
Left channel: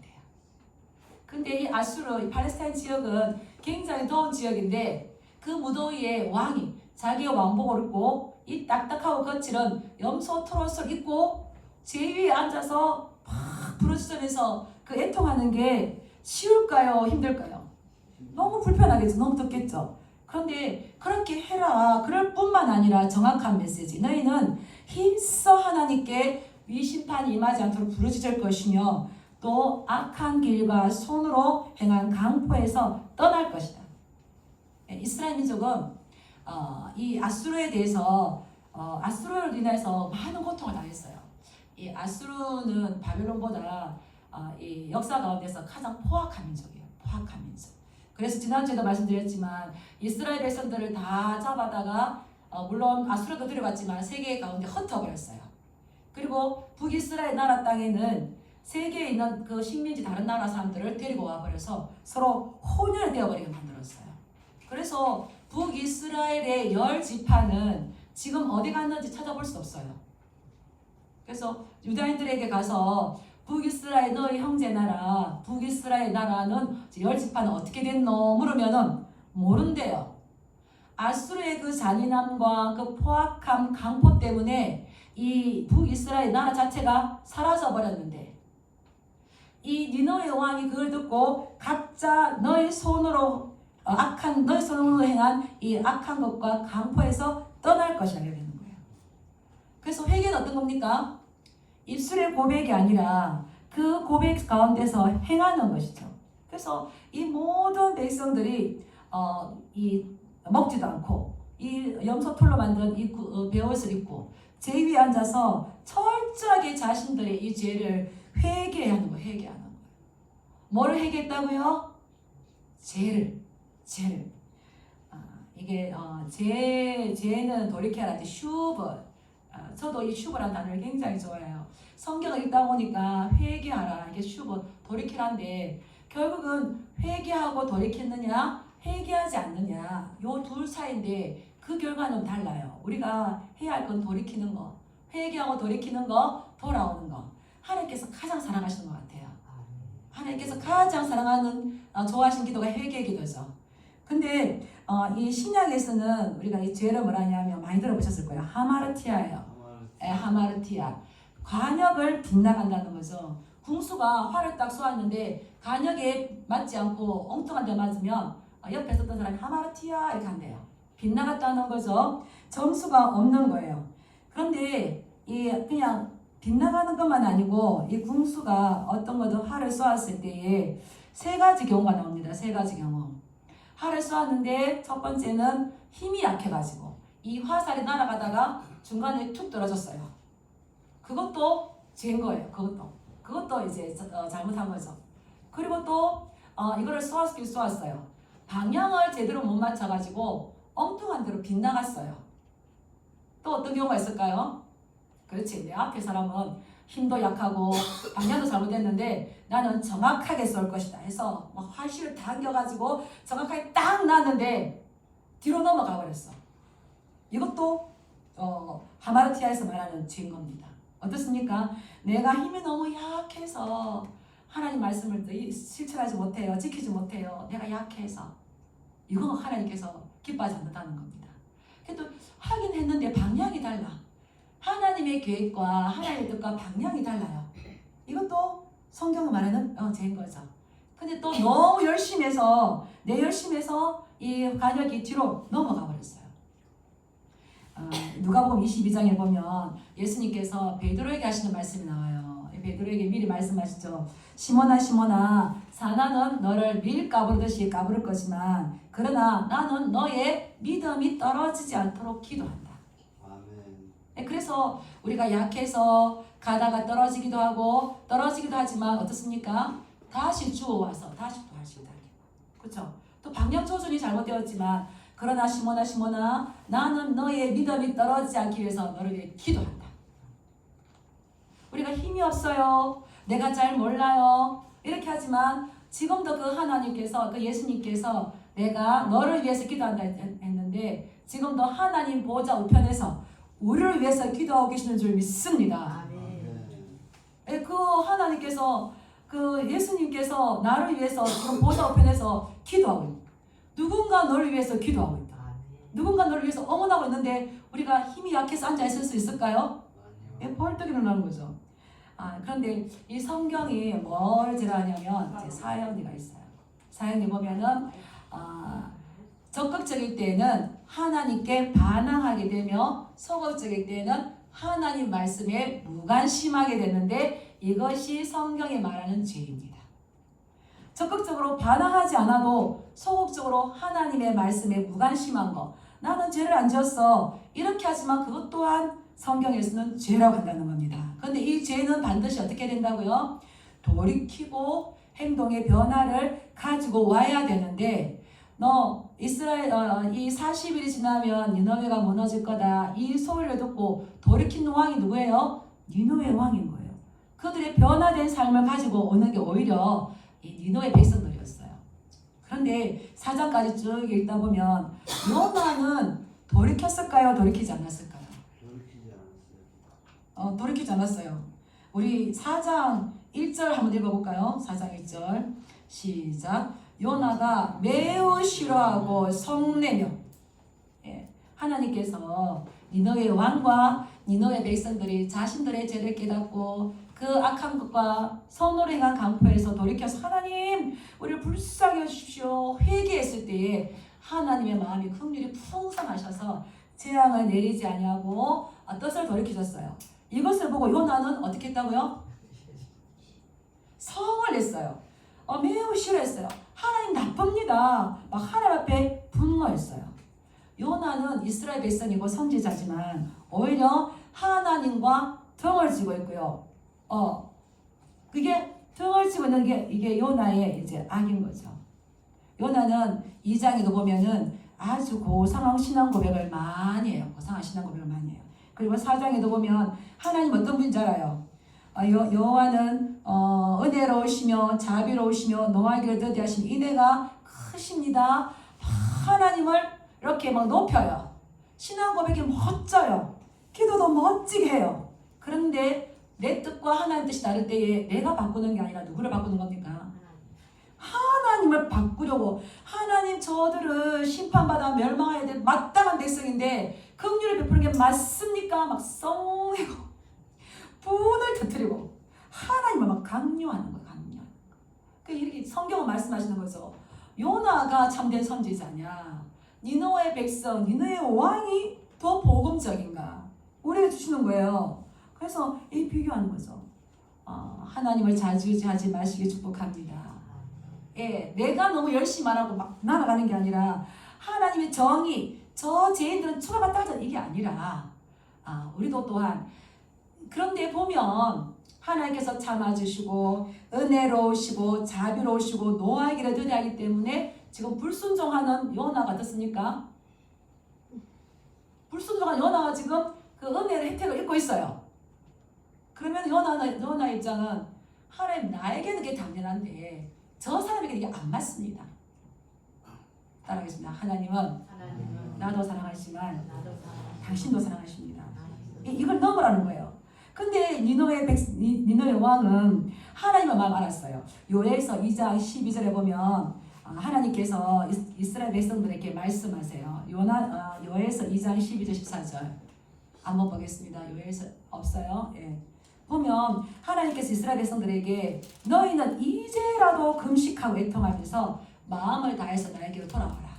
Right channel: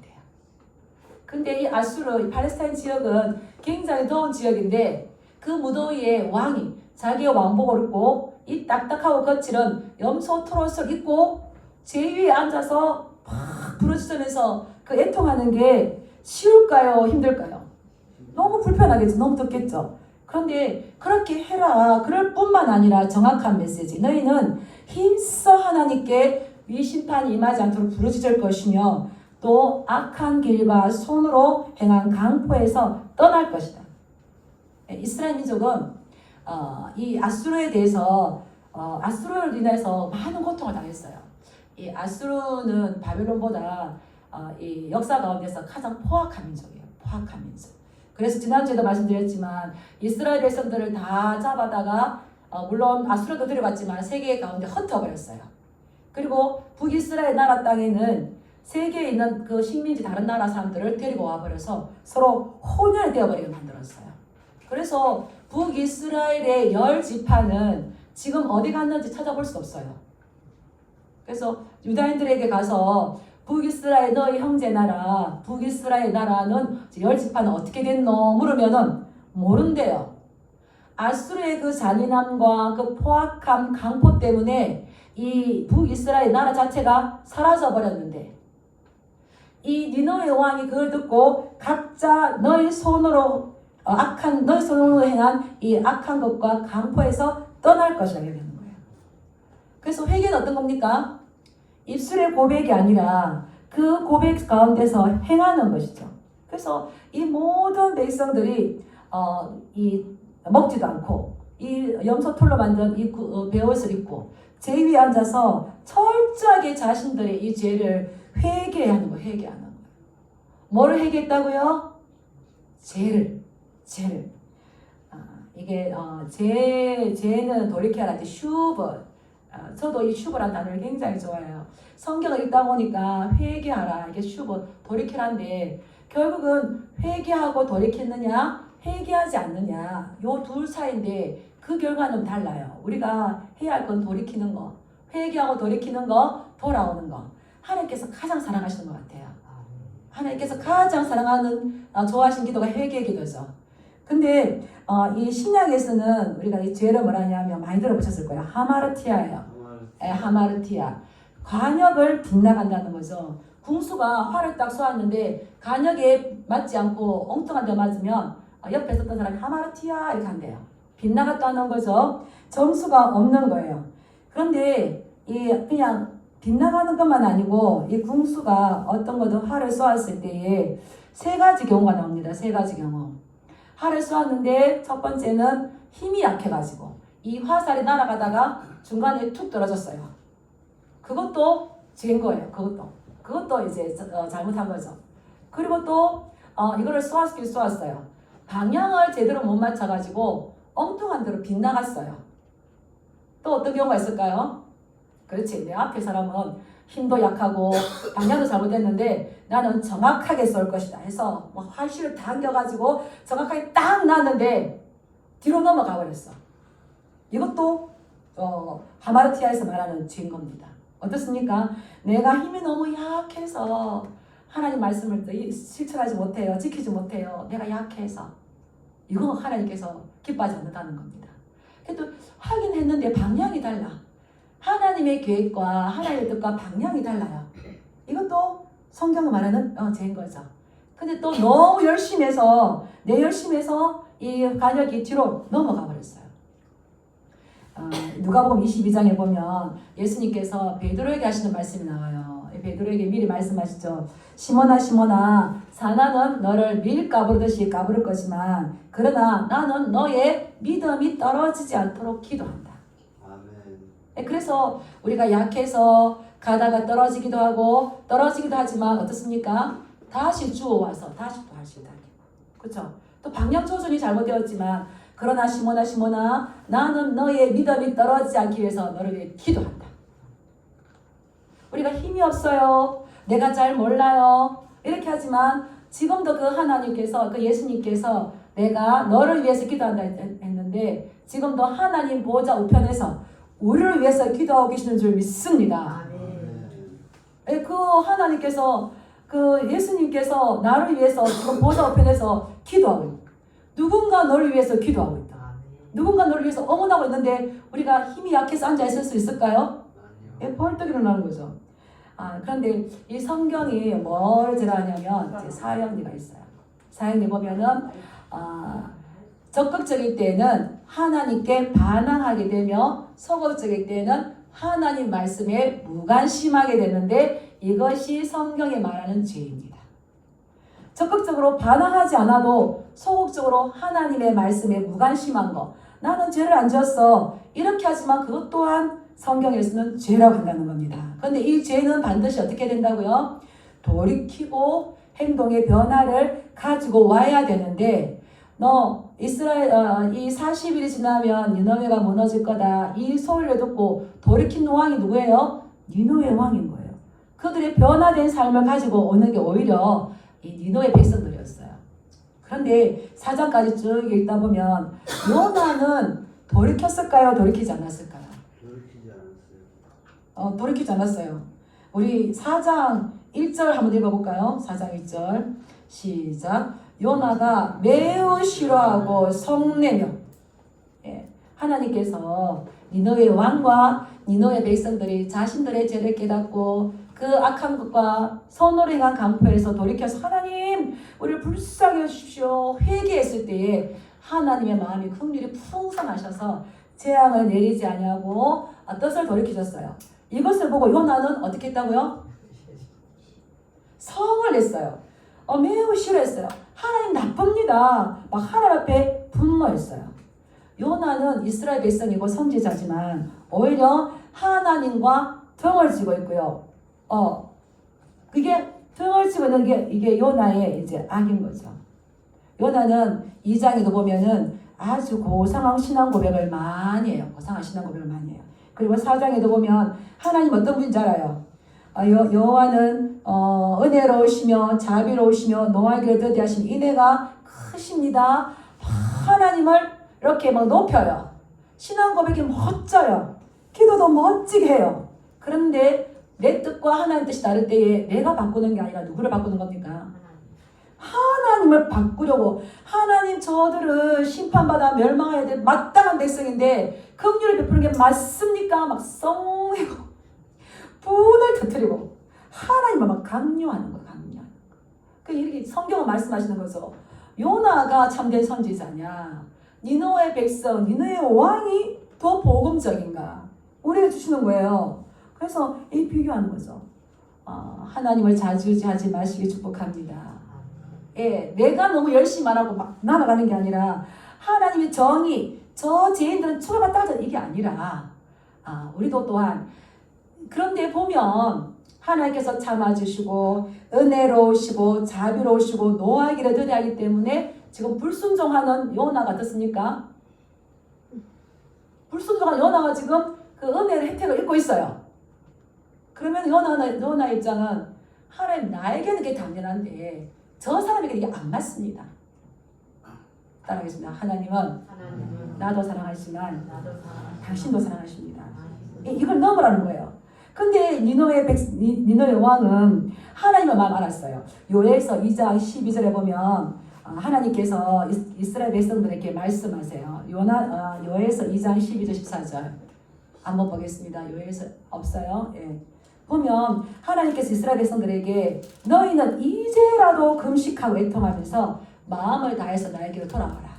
근데 이 아수르, 이 팔레스타인 지역은 굉장히 더운 지역인데 그 무더위에 왕이 자기의 왕복을 입고 이 딱딱하고 거칠은 염소 털옷을 입고 제위에 앉아서 막 부르짖으면서 그 애통하는 게 쉬울까요? 힘들까요? 너무 불편하겠죠. 너무 덥겠죠. 그런데 그렇게 해라. 그럴 뿐만 아니라 정확한 메시지. 너희는 힘써 하나님께 이 심판이 임하지 않도록 부르짖을 것이며 또 악한 길과 손으로 행한 강포에서 떠날 것이다. 이스라엘 민족은 이 아수르에 대해서 아수르로 인해서 많은 고통을 당했어요. 이 아수르는 바벨론보다 이 역사 가운데서 가장 포악한 민족이에요. 포악한 민족. 그래서 지난주에도 말씀드렸지만 이스라엘 백성들을 다 잡아다가 물론 아수르도 데려갔지만 세계 가운데 흩어버렸어요. 그리고 북이스라엘 나라 땅에는 세계에 있는 그 식민지 다른 나라 사람들을 데리고 와버려서 서로 혼혈 되어버리게 만들었어요. 그래서 북이스라엘의 10지파는 지금 어디 갔는지 찾아볼 수 없어요. 그래서 유다인들에게 가서 북이스라엘 너희 형제 나라, 북이스라엘 나라는 10지파는 어떻게 됐노? 물으면은 모른대요. 아수르의 그 잔인함과 그 포악함, 강포 때문에 이 북이스라엘 나라 자체가 사라져 버렸는데 이 니느웨 왕이 그걸 듣고 각자 너희 손으로 너희 손으로 행한 이 악한 것과 강포에서 떠날 것이라고 되는 거예요. 그래서 회개는 어떤 겁니까? 입술의 고백이 아니라 그 고백 가운데서 행하는 것이죠. 그래서 이 모든 백성들이 먹지도 않고 이 염소털로 만든 이 베옷을 입고 제 위에 앉아서 철저하게 자신들의 이 죄를 회개하는 거예요. 회개하는 거예요. 뭐를 회개했다고요? 죄를. 이게 죄는 돌이켜라. 슈브. 저도 이 슈브라는 단어를 굉장히 좋아해요. 성경을 읽다 보니까 회개하라. 이게 슈브, 돌이키라인데 결국은 회개하고 돌이켰느냐, 회개하지 않느냐, 요 둘 사이인데 그 결과는 달라요. 우리가 해야 할 건 돌이키는 거, 회개하고 돌이키는 거, 돌아오는 거. 하나님께서 가장 사랑하시는 것 같아요. 하나님께서 가장 사랑하는 좋아하시는 기도가 회개의 기도죠. 근데 이 신약에서는 우리가 이 죄를 뭐라 하냐면 많이 들어보셨을 거예요. 하마르티아예요. 하마르티아. 관역을 빗나간다는 거죠. 궁수가 활을 딱 쏘았는데 관역에 맞지 않고 엉뚱한 데 맞으면 옆에 있었던 사람이 하마르티아 이렇게 한대요. 빗나갔다는 거죠. 점수가 없는 거예요. 그런데 그냥 빗나가는 것만 아니고 이 궁수가 어떤 것도 활을 쏘았을 때에 세 가지 경우가 나옵니다. 세 가지 경우. 활을 쏘았는데 첫 번째는 힘이 약해가지고 이 화살이 날아가다가 중간에 툭 떨어졌어요. 그것도 죄인 거예요. 그것도 이제 잘못한 거죠. 그리고 또 이거를 쏘았긴 쏘았어요. 방향을 제대로 못 맞춰가지고 엉뚱한 데로 빗나갔어요. 또 어떤 경우가 있을까요? 그렇지. 내 앞에 사람은 힘도 약하고 방향도 잘못했는데 나는 정확하게 쏠 것이다 해서 활실을 당겨가지고 정확하게 딱 놨는데 뒤로 넘어가 버렸어. 이것도 하마르티아에서 말하는 죄인 겁니다. 어떻습니까? 내가 힘이 너무 약해서 하나님 말씀을 실천하지 못해요. 지키지 못해요. 내가 약해서. 이거 하나님께서 기뻐하지 않는다는 겁니다. 그래도 하긴 했는데 방향이 달라. 하나님의 계획과 하나님의 뜻과 방향이 달라요. 이것도 성경을 말하는 죄인 거죠. 근데 또 너무 열심히 해서 이 관역이 뒤로 넘어가 버렸어요. 누가복음 22장에 보면 예수님께서 베드로에게 하시는 말씀이 나와요. 베드로에게 미리 말씀하시죠. 시몬아 시몬아 사나는 너를 밀 까부르듯이 까부를 거지만 그러나 나는 너의 믿음이 떨어지지 않도록 기도한다. 아멘. 그래서 우리가 약해서 가다가 떨어지기도 하지만 어떻습니까? 다시 주워와서 다시 또 할 수 있다. 그렇죠? 또 방향 조준이 잘못되었지만 그러나 시몬아 나는 너의 믿음이 떨어지지 않기 위해서 너를 위해 기도한다. 우리가 힘이 없어요. 내가 잘 몰라요. 이렇게 하지만 지금도 그 하나님께서 그 예수님께서 내가 너를 위해서 기도한다 했는데 지금도 하나님 보호자 우편에서 우리를 위해서 기도하고 계시는 줄 믿습니다. 그 하나님께서 그 예수님께서 나를 위해서 지금 보호자 우편에서 기도하고 있다. 누군가 너를 위해서 기도하고 있다. 누군가 너를 위해서 응원하고 있는데 우리가 힘이 약해서 앉아 있을 수 있을까요? 벌떡 일어나는 거죠. 그런데 이 성경이 뭘 제라하냐면 사형리가 있어요. 사형리 보면은 적극적일 때는 하나님께 반항하게 되며 소극적일 때는 하나님 말씀에 무관심하게 되는데 이것이 성경이 말하는 죄입니다. 적극적으로 반항하지 않아도 소극적으로 하나님의 말씀에 무관심한 거, 나는 죄를 안 지었어 이렇게 하지만 그것 또한 성경에서는 죄라고 한다는 겁니다. 그런데 이 죄는 반드시 어떻게 된다고요? 돌이키고 행동의 변화를 가지고 와야 되는데 너 이스라엘 이 40일이 지나면 니느웨가 무너질 거다. 이 소리를 듣고 돌이킨 왕이 누구예요? 니느웨 왕인 거예요. 그들의 변화된 삶을 가지고 오는 게 오히려 이 니느웨 백성들이었어요. 그런데 4장까지 쭉 읽다 보면 요나는 돌이켰을까요? 돌이키지 않았을까요? 돌이키지 않았어요. 돌이키지 않았어요. 우리 4장 1절 한번 읽어볼까요? 4장 1절 시작. 요나가 매우 싫어하고 성내며, 하나님께서 니느웨 왕과 니느웨 백성들이 자신들의 죄를 깨닫고 그 악한 것과 선으로 행한 강포에서 돌이켜서 하나님 우리를 불쌍히 하십시오 회개했을 때에 하나님의 마음이 긍휼히 풍성하셔서 재앙을 내리지 아니하고 뜻을 돌이키셨어요. 이것을 보고 요나는 어떻게 했다고요? 성을 냈어요. 매우 싫어했어요. 하나님 나쁩니다. 막 하나님 앞에 분노했어요. 요나는 이스라엘 백성이고 선지자지만 오히려 하나님과 등을 지고 있고요. 그게 등을 지고 있는 게 이게 요나의 이제 악인 거죠. 요나는 2장에도 보면은 아주 고상한 신앙 고백을 많이 해요. 고상한 신앙 고백을 많이 해요. 그리고 4장에도 보면 하나님 어떤 분인지 알아요. 여호와는 은혜로우시며 자비로우시며 노하기를 더디하신 인애가 크십니다. 하나님을 이렇게 막 높여요. 신앙 고백이 멋져요. 기도도 멋지게 해요. 그런데 내 뜻과 하나님 뜻이 다를 때에 내가 바꾸는 게 아니라 누구를 바꾸는 겁니까? 하나님을 바꾸려고. 하나님 저들을 심판받아 멸망해야 될 마땅한 백성인데 긍휼을 베푸는 게 맞습니까? 막 썽내고 분을 터뜨리고 하나님을 막 강요하는 거예요. 강요. 이렇게 성경은 말씀하시는 거죠. 요나가 참된 선지자냐? 니느웨 백성, 니느웨 왕이 더 복음적인가? 우리가 주시는 거예요. 그래서 이 비교하는 거죠. 하나님을 자주하지 마시기 축복합니다. 내가 너무 열심히 하고 막 날아가는 게 아니라 하나님의 정의, 저 죄인들은 처벌만 따져 이게 아니라 우리도 또한 그런데 보면 하나님께서 참아주시고 은혜로우시고 자비로우시고 노하기를 더디하기 때문에 지금 불순종하는 요나가 어떻습니까? 불순종한 요나가 지금 그 은혜의 혜택을 입고 있어요. 그러면 요나 입장은 하나님 나에게는 그게 당연한데 저 사람에게 이게 안 맞습니다. 따라하겠습니다. 하나님은 나도 사랑하시지만 당신도 사랑하십니다. 이걸 넘으라는 거예요. 근데 니느웨 왕은 하나님의 마음 알았어요. 요에서 2장 12절에 보면 하나님께서 이스라엘 백성들에게 말씀하세요. 요에서 2장 12절 14절 한번 보겠습니다. 요에서 없어요. 보면 하나님께서 이스라엘 백성들에게 너희는 이제라도 금식하고 애통하면서 마음을 다해서 나에게로 돌아와라.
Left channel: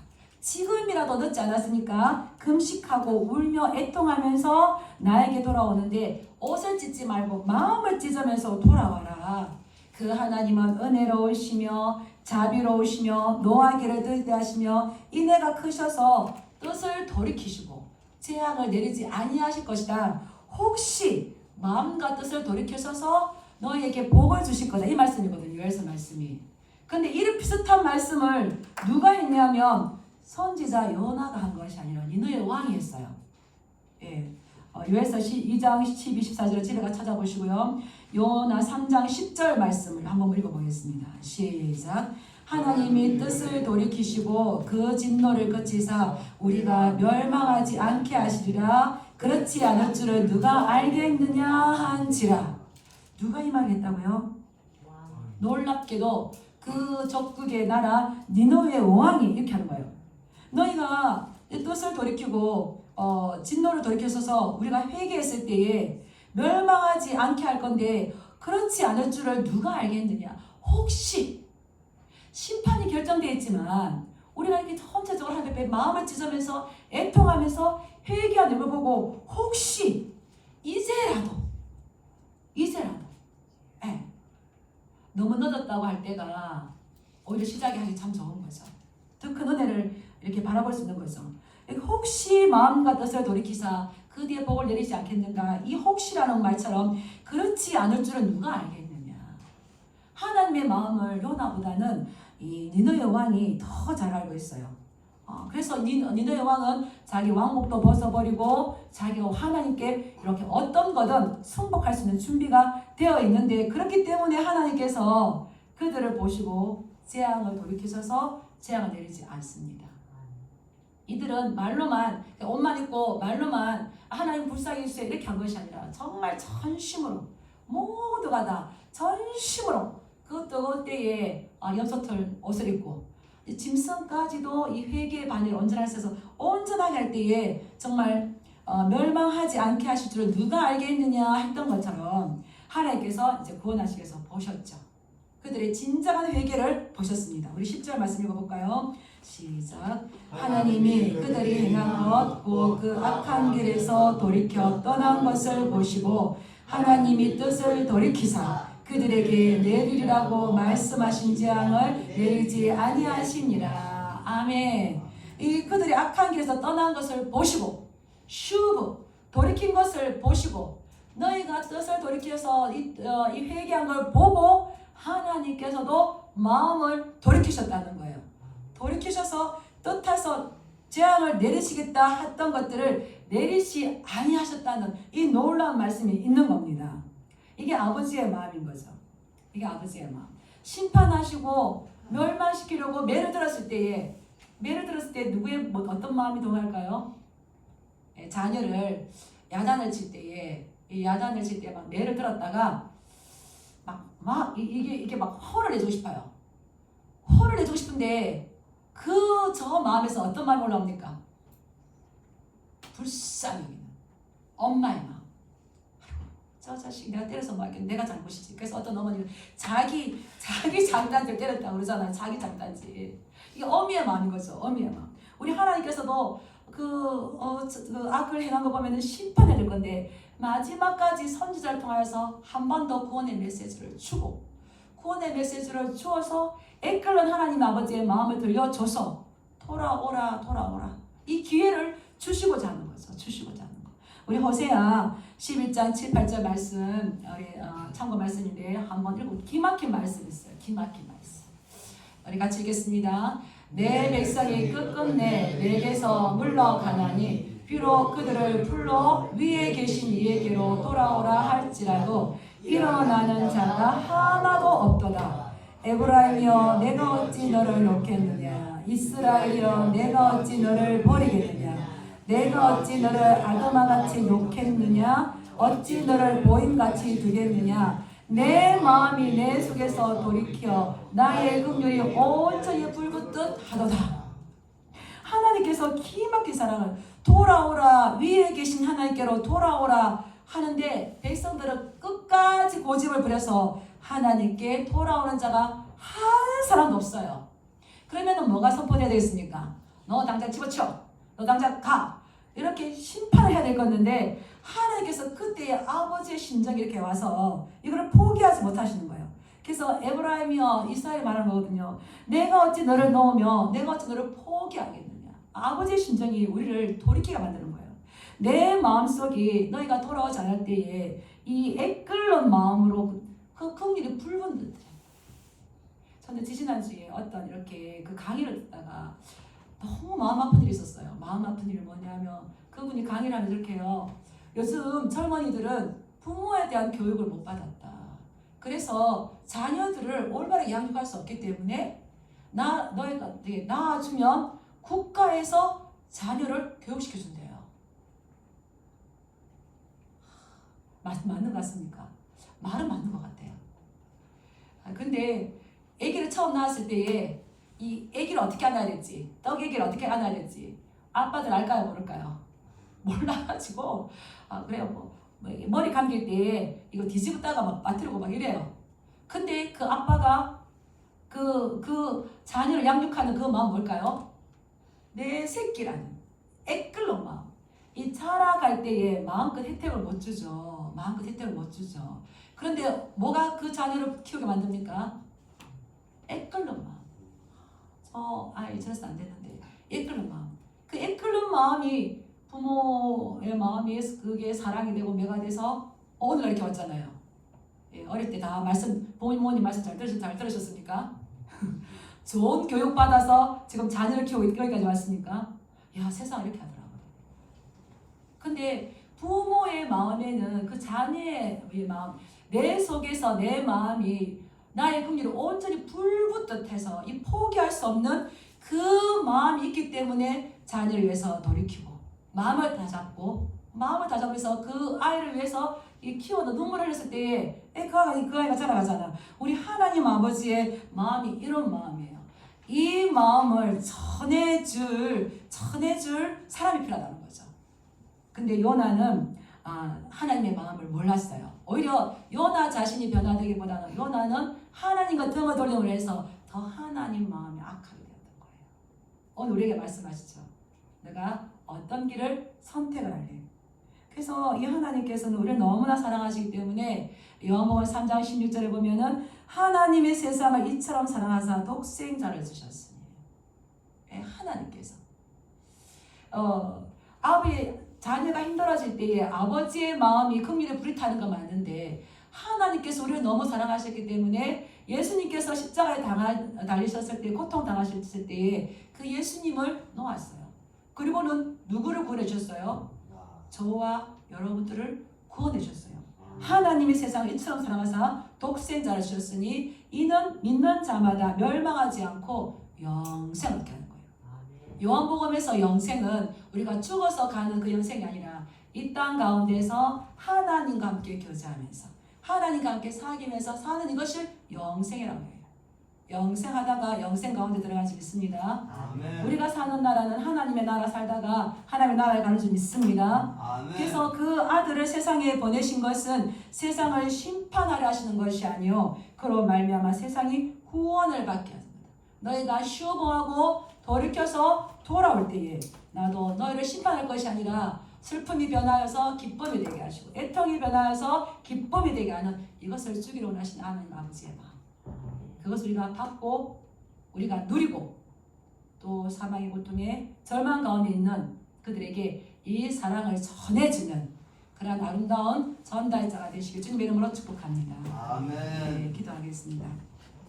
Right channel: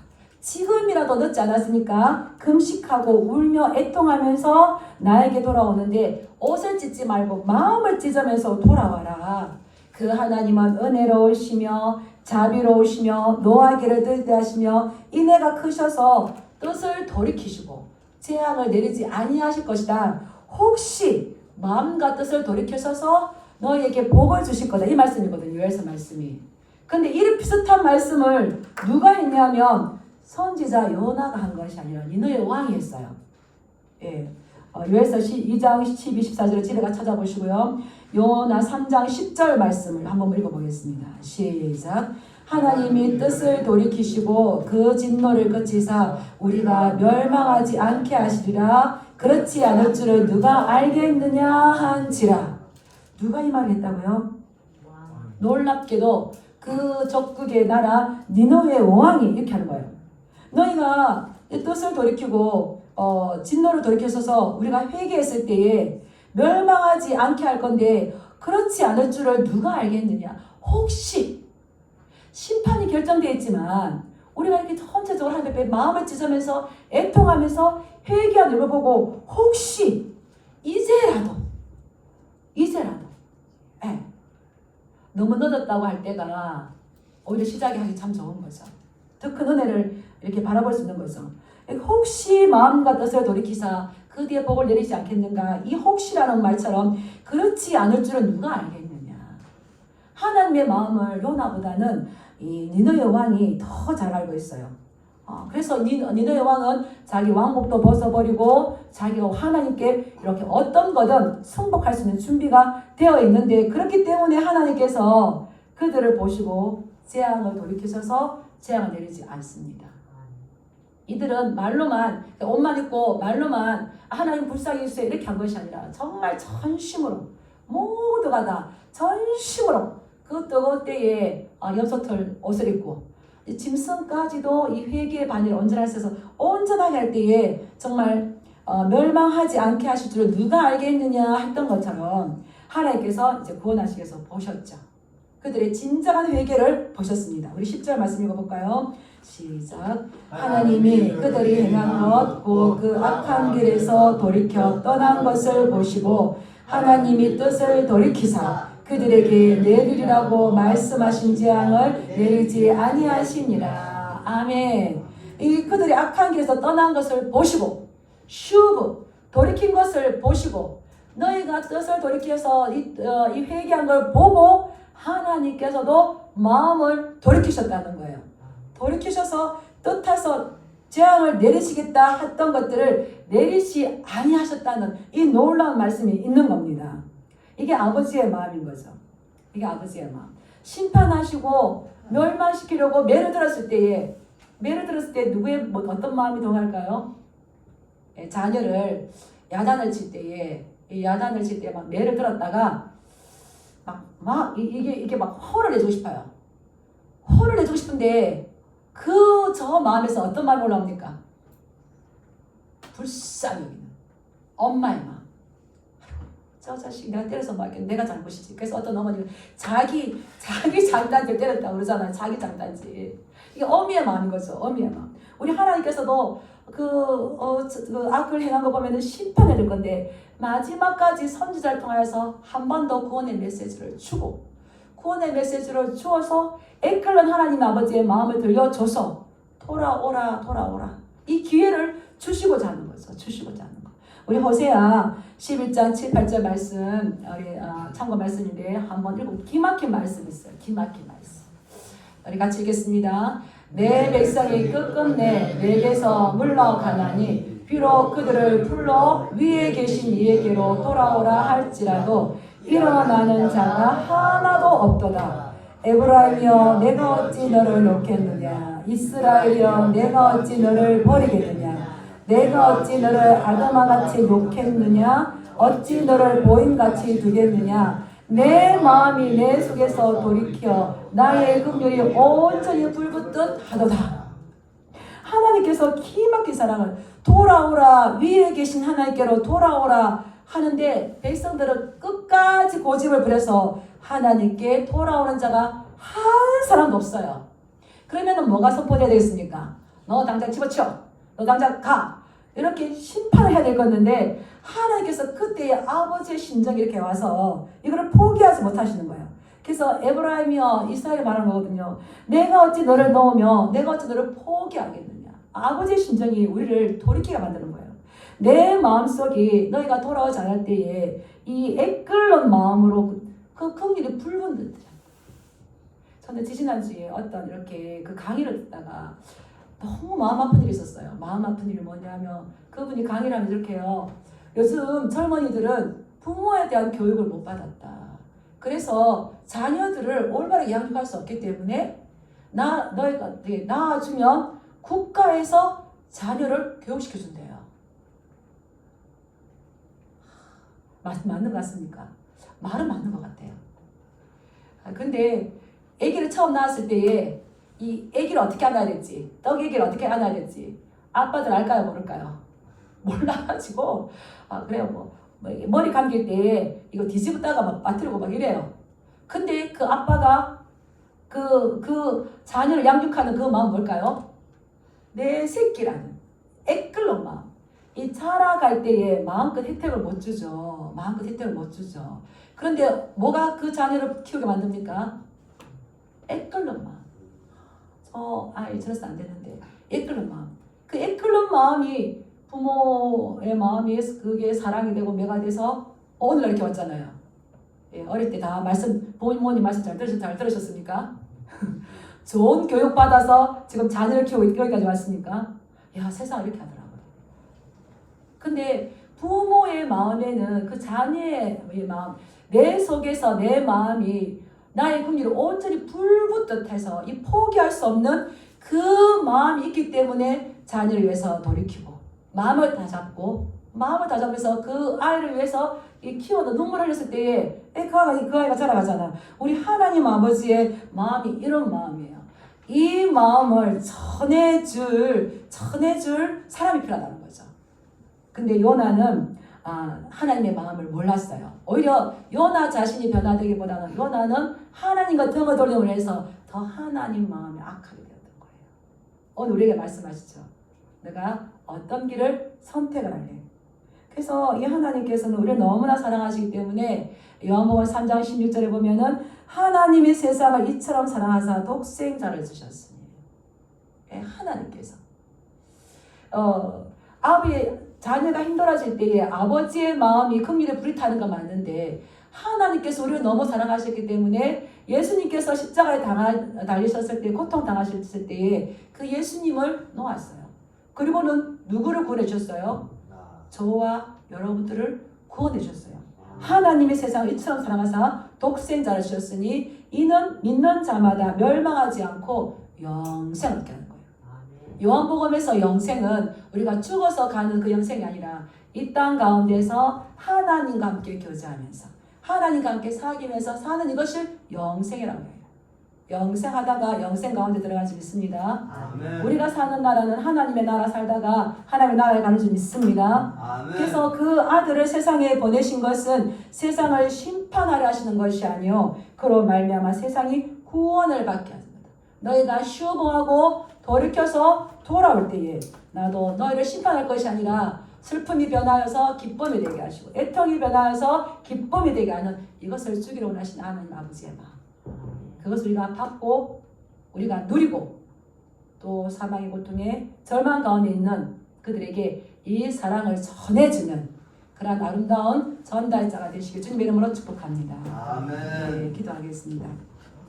지금이라도 늦지 않았습니까? 금식하고 울며 애통하면서 나에게 돌아오는데 옷을 찢지 말고 마음을 찢으면서 돌아와라. 그 하나님은 은혜로우시며 자비로우시며 노하기를 더디하시며 인애가 크셔서 뜻을 돌이키시고 재앙을 내리지 아니하실 것이다. 혹시 마음과 뜻을 돌이키셔서 너희에게 복을 주실 거다. 이 말씀이거든요. 요에서 말씀이. 근데 이런 비슷한 말씀을 누가 했냐면 선지자 요나가 한 것이 아니라 니느웨 왕이 했어요. 요에서 2장 12, 14절을 집에가 찾아보시고요. 요나 3장 10절 말씀을 한번 읽어보겠습니다. 시작. 하나님이 뜻을 돌이키시고 그 진노를 그치사 우리가 멸망하지 않게 하시리라. 그렇지 않을 줄을 누가 알겠느냐 한지라. 누가 이 말을 했다고요? 놀랍게도 그 적국의 나라 니느웨 왕이 이렇게 하는 거예요. 너희가 뜻을 돌이키고 진노를 돌이켜서 우리가 회개했을 때에 멸망하지 않게 할 건데 그렇지 않을 줄을 누가 알겠느냐. 혹시 심판이 결정되어 있지만 우리가 이렇게 전체적으로 하나님 앞에 마음을 찢으면서 애통하면서 회개하는 걸 보고 혹시 이제라도 너무 늦었다고 할 때가 오히려 시작이 하기 참 좋은 거죠. 더 큰 은혜를 이렇게 바라볼 수 있는 거죠. 혹시 마음과 뜻을 돌이키사 그 뒤에 복을 내리지 않겠는가. 이 혹시라는 말처럼 그렇지 않을 줄은 누가 알겠느냐. 하나님의 마음을 요나보다는 이 니느웨 왕이 더 잘 알고 있어요. 그래서 니느웨 왕은 자기 왕복도 벗어버리고 자기가 하나님께 이렇게 어떤 거든 승복할 수 있는 준비가 되어 있는데, 그렇기 때문에 하나님께서 그들을 보시고 재앙을 돌이키셔서 재앙을 내리지 않습니다. 이들은 말로만, 옷만 입고 말로만 하나님 불쌍히 해주세요 이렇게 한 것이 아니라 정말 전심으로, 모두가 다 전심으로 그 뜨거울 때에 염소털 옷을 입고 짐승까지도 이 회개의 바늘을 온전하게 할 때에 정말 멸망하지 않게 하실 줄을 누가 알겠느냐 했던 것처럼 하나님께서 이제 구원하시기 위해서 보셨죠. 그들의 진정한 회개를 보셨습니다. 우리 10절 말씀 읽어볼까요? 시작. 하나님이 그들이 행한 것 곧 그 악한 길에서 돌이켜 떠난 것을 보시고 하나님이 뜻을 돌이키사 그들에게 내리리라고 말씀하신 재앙을 내리지 아니하시니라. 아멘. 이 그들이 악한 길에서 떠난 것을 보시고 슈브 돌이킨 것을 보시고 너희가 뜻을 돌이켜서 이 회개한 걸 보고 하나님께서도 마음을 돌이키셨다는 거예요. 돌이키셔서 뜻해서 재앙을 내리시겠다 했던 것들을 내리시 아니하셨다는 이 놀라운 말씀이 있는 겁니다. 이게 아버지의 마음인 거죠. 이게 아버지의 마음. 심판하시고 멸망시키려고 매를 들었을 때 누구의 어떤 마음이 동할까요? 자녀를 야단을 칠 때에 막 매를 들었다가 이게 막 화를 내주고 싶어요. 화를 내주고 싶은데 저 마음에서 어떤 마음이 올라옵니까? 불쌍히 엄마의 마음. 저 자식 내가 때려서 막 내가 잘못이지. 그래서 어떤 어머니는 자기 장단지를 때렸다고 그러잖아요. 자기 장단지. 이게 어미의 마음인 거죠. 어미의 마음. 우리 하나님께서도 그 악을 행한 거 보면은 심판해 줄 건데 마지막까지 선지자를 통해서 한 번 더 구원의 메시지를 주고 구원의 메시지를 주어서 애끓는 하나님 아버지의 마음을 들려줘서 돌아오라 이 기회를 주시고자 하는 거죠. 주시고자 하는 거. 우리 호세아 11장 7, 8절 말씀 참고 말씀인데 한번 읽고 기막힌 말씀 있어요. 기막힌 말씀. 우리 같이 읽겠습니다. 내 백성이 끝끝내 내게서 물러가나니 비록 그들을 불러 위에 계신 이에게로 돌아오라 할지라도 일어나는 자가 하나도 없도다. 에브라임이여 내가 어찌 너를 놓겠느냐. 이스라엘이여 내가 어찌 너를 버리겠느냐. 내가 어찌 너를 아담아같이 놓겠느냐. 어찌 너를 보임같이 두겠느냐. 내 마음이 내 속에서 돌이켜 나의 긍휼이 온전히 불붙듯 하도다. 하나님께서 기막힌 사랑을 돌아오라 위에 계신 하나님께로 돌아오라 하는데 백성들은 끝까지 고집을 부려서 하나님께 돌아오는 자가 한 사람도 없어요. 그러면 뭐가 선포되어야 되겠습니까? 너 당장 집어치워. 너 당장 가. 이렇게 심판을 해야 될 건데 하나님께서 그때의 아버지의 심정이 이렇게 와서 이거를 포기하지 못하시는 거예요. 그래서 에브라임이여 이스라엘 말하는 거거든요. 내가 어찌 너를 놓으며 내가 어찌 너를 포기하겠느냐. 아버지의 심정이 우리를 돌이키게 만드는 거예요. 내 마음속이 너희가 돌아오지 않을 때에 이 애끓는 마음으로 그 긍휼이 불붙는 듯. 저는 지지난주에 어떤 이렇게 그 강의를 듣다가 너무 마음 아픈 일이 있었어요. 마음 아픈 일이 뭐냐면 그분이 강의를 하면서 이렇게 해요. 요즘 젊은이들은 부모에 대한 교육을 못 받았다. 그래서 자녀들을 올바르게 양육할 수 없기 때문에 너희가 낳아주면 국가에서 자녀를 교육시켜준대요. 맞는 것 같습니까? 말은 맞는 것 같아요. 근데 아기를 처음 낳았을 때에 이 아기를 어떻게 안아야 될지, 떡 아기를 어떻게 안아야 될지 아빠들 알까요, 모를까요? 몰라가지고 그래요. 뭐 머리 감길 때 이거 뒤집었다가 막 빠뜨리고 막 이래요. 근데 그 아빠가 그 자녀를 양육하는 그 마음 뭘까요? 내 새끼라는 애끓는 마음. 이 자라갈 때에 마음껏 혜택을 못 주죠. 마음껏 혜택을 못 주죠. 그런데 뭐가 그 자녀를 키우게 만듭니까? 애끓는 마음. 저래서 안 되는데 애끓는 마음. 그 애끓는 마음이 부모의 마음이 그게 사랑이 되고 매가 돼서 오늘날 이렇게 왔잖아요. 예, 어릴 때 다 말씀 부모님 말씀 잘 들으셨습니까? 좋은 교육 받아서 지금 자녀를 키우고 여기까지 왔으니까 야 세상 이렇게 하더라고요. 근데 부모의 마음에는 그 자녀의 마음 내 속에서 내 마음이 나의 긍휼을 온전히 불붙듯해서 이 포기할 수 없는 그 마음이 있기 때문에 자녀를 위해서 돌이키고 마음을 다 잡으면서 그 아이를 위해서 이 키워도 눈물 흘렸을 때에 그 아이가 자라가잖아. 우리 하나님 아버지의 마음이 이런 마음이에요. 이 마음을 전해줄 사람이 필요하다는 거죠. 근데 요나는 하나님의 마음을 몰랐어요. 오히려 요나 자신이 변화되기보다는 요나는 하나님과 등을 돌림을 해서 더 하나님 마음이 악하게 되었던 거예요. 오늘 우리에게 말씀하시죠. 내가 어떤 길을 선택을 할래. 그래서 이 하나님께서는 우리를 너무나 사랑하시기 때문에 요한복음 3장 16절에 보면은 하나님이 세상을 이처럼 사랑하사 독생자를 주셨으니 하나님께서 자녀가 힘들어질 때에 아버지의 마음이 긍휼에 불이 타는 건 맞는데 하나님께서 우리를 너무 사랑하셨기 때문에 예수님께서 십자가에 달리셨을 때 고통 당하셨을 때에 그 예수님을 놓았어요. 그리고는 누구를 구원해 주셨어요? 저와 여러분들을 구원해 주셨어요. 하나님이 세상을 이처럼 사랑하사 독생자를 주셨으니 이는 믿는 자마다 멸망하지 않고 영생을 얻게 하는 거예요. 요한복음에서 영생은 우리가 죽어서 가는 그 영생이 아니라 이 땅 가운데서 하나님과 함께 교제하면서 하나님과 함께 사귀면서 사는 이것을 영생이라고 해요. 영생하다가 영생 가운데 들어간 줄 믿습니다. 아멘. 우리가 사는 나라는 하나님의 나라 살다가 하나님의 나라에 가는 줄 믿습니다. 아멘. 그래서 그 아들을 세상에 보내신 것은 세상을 심판하려 하시는 것이 아니요 그로 말미암아 세상이 구원을 받게 하십니다. 너희가 슈보하고 돌이켜서 돌아올 때에 나도 너희를 심판할 것이 아니라 슬픔이 변하여서 기쁨이 되게 하시고 애통이 변하여서 기쁨이 되게 하는 이것을 주기로 원하신 하나님 아버지의 마음, 그것을 우리가 받고 우리가 누리고 또 사망의 고통에 절망 가운데 있는 그들에게 이 사랑을 전해주는 그런 아름다운 전달자가 되시길 주님의 이름으로 축복합니다. 아멘. 네, 기도하겠습니다.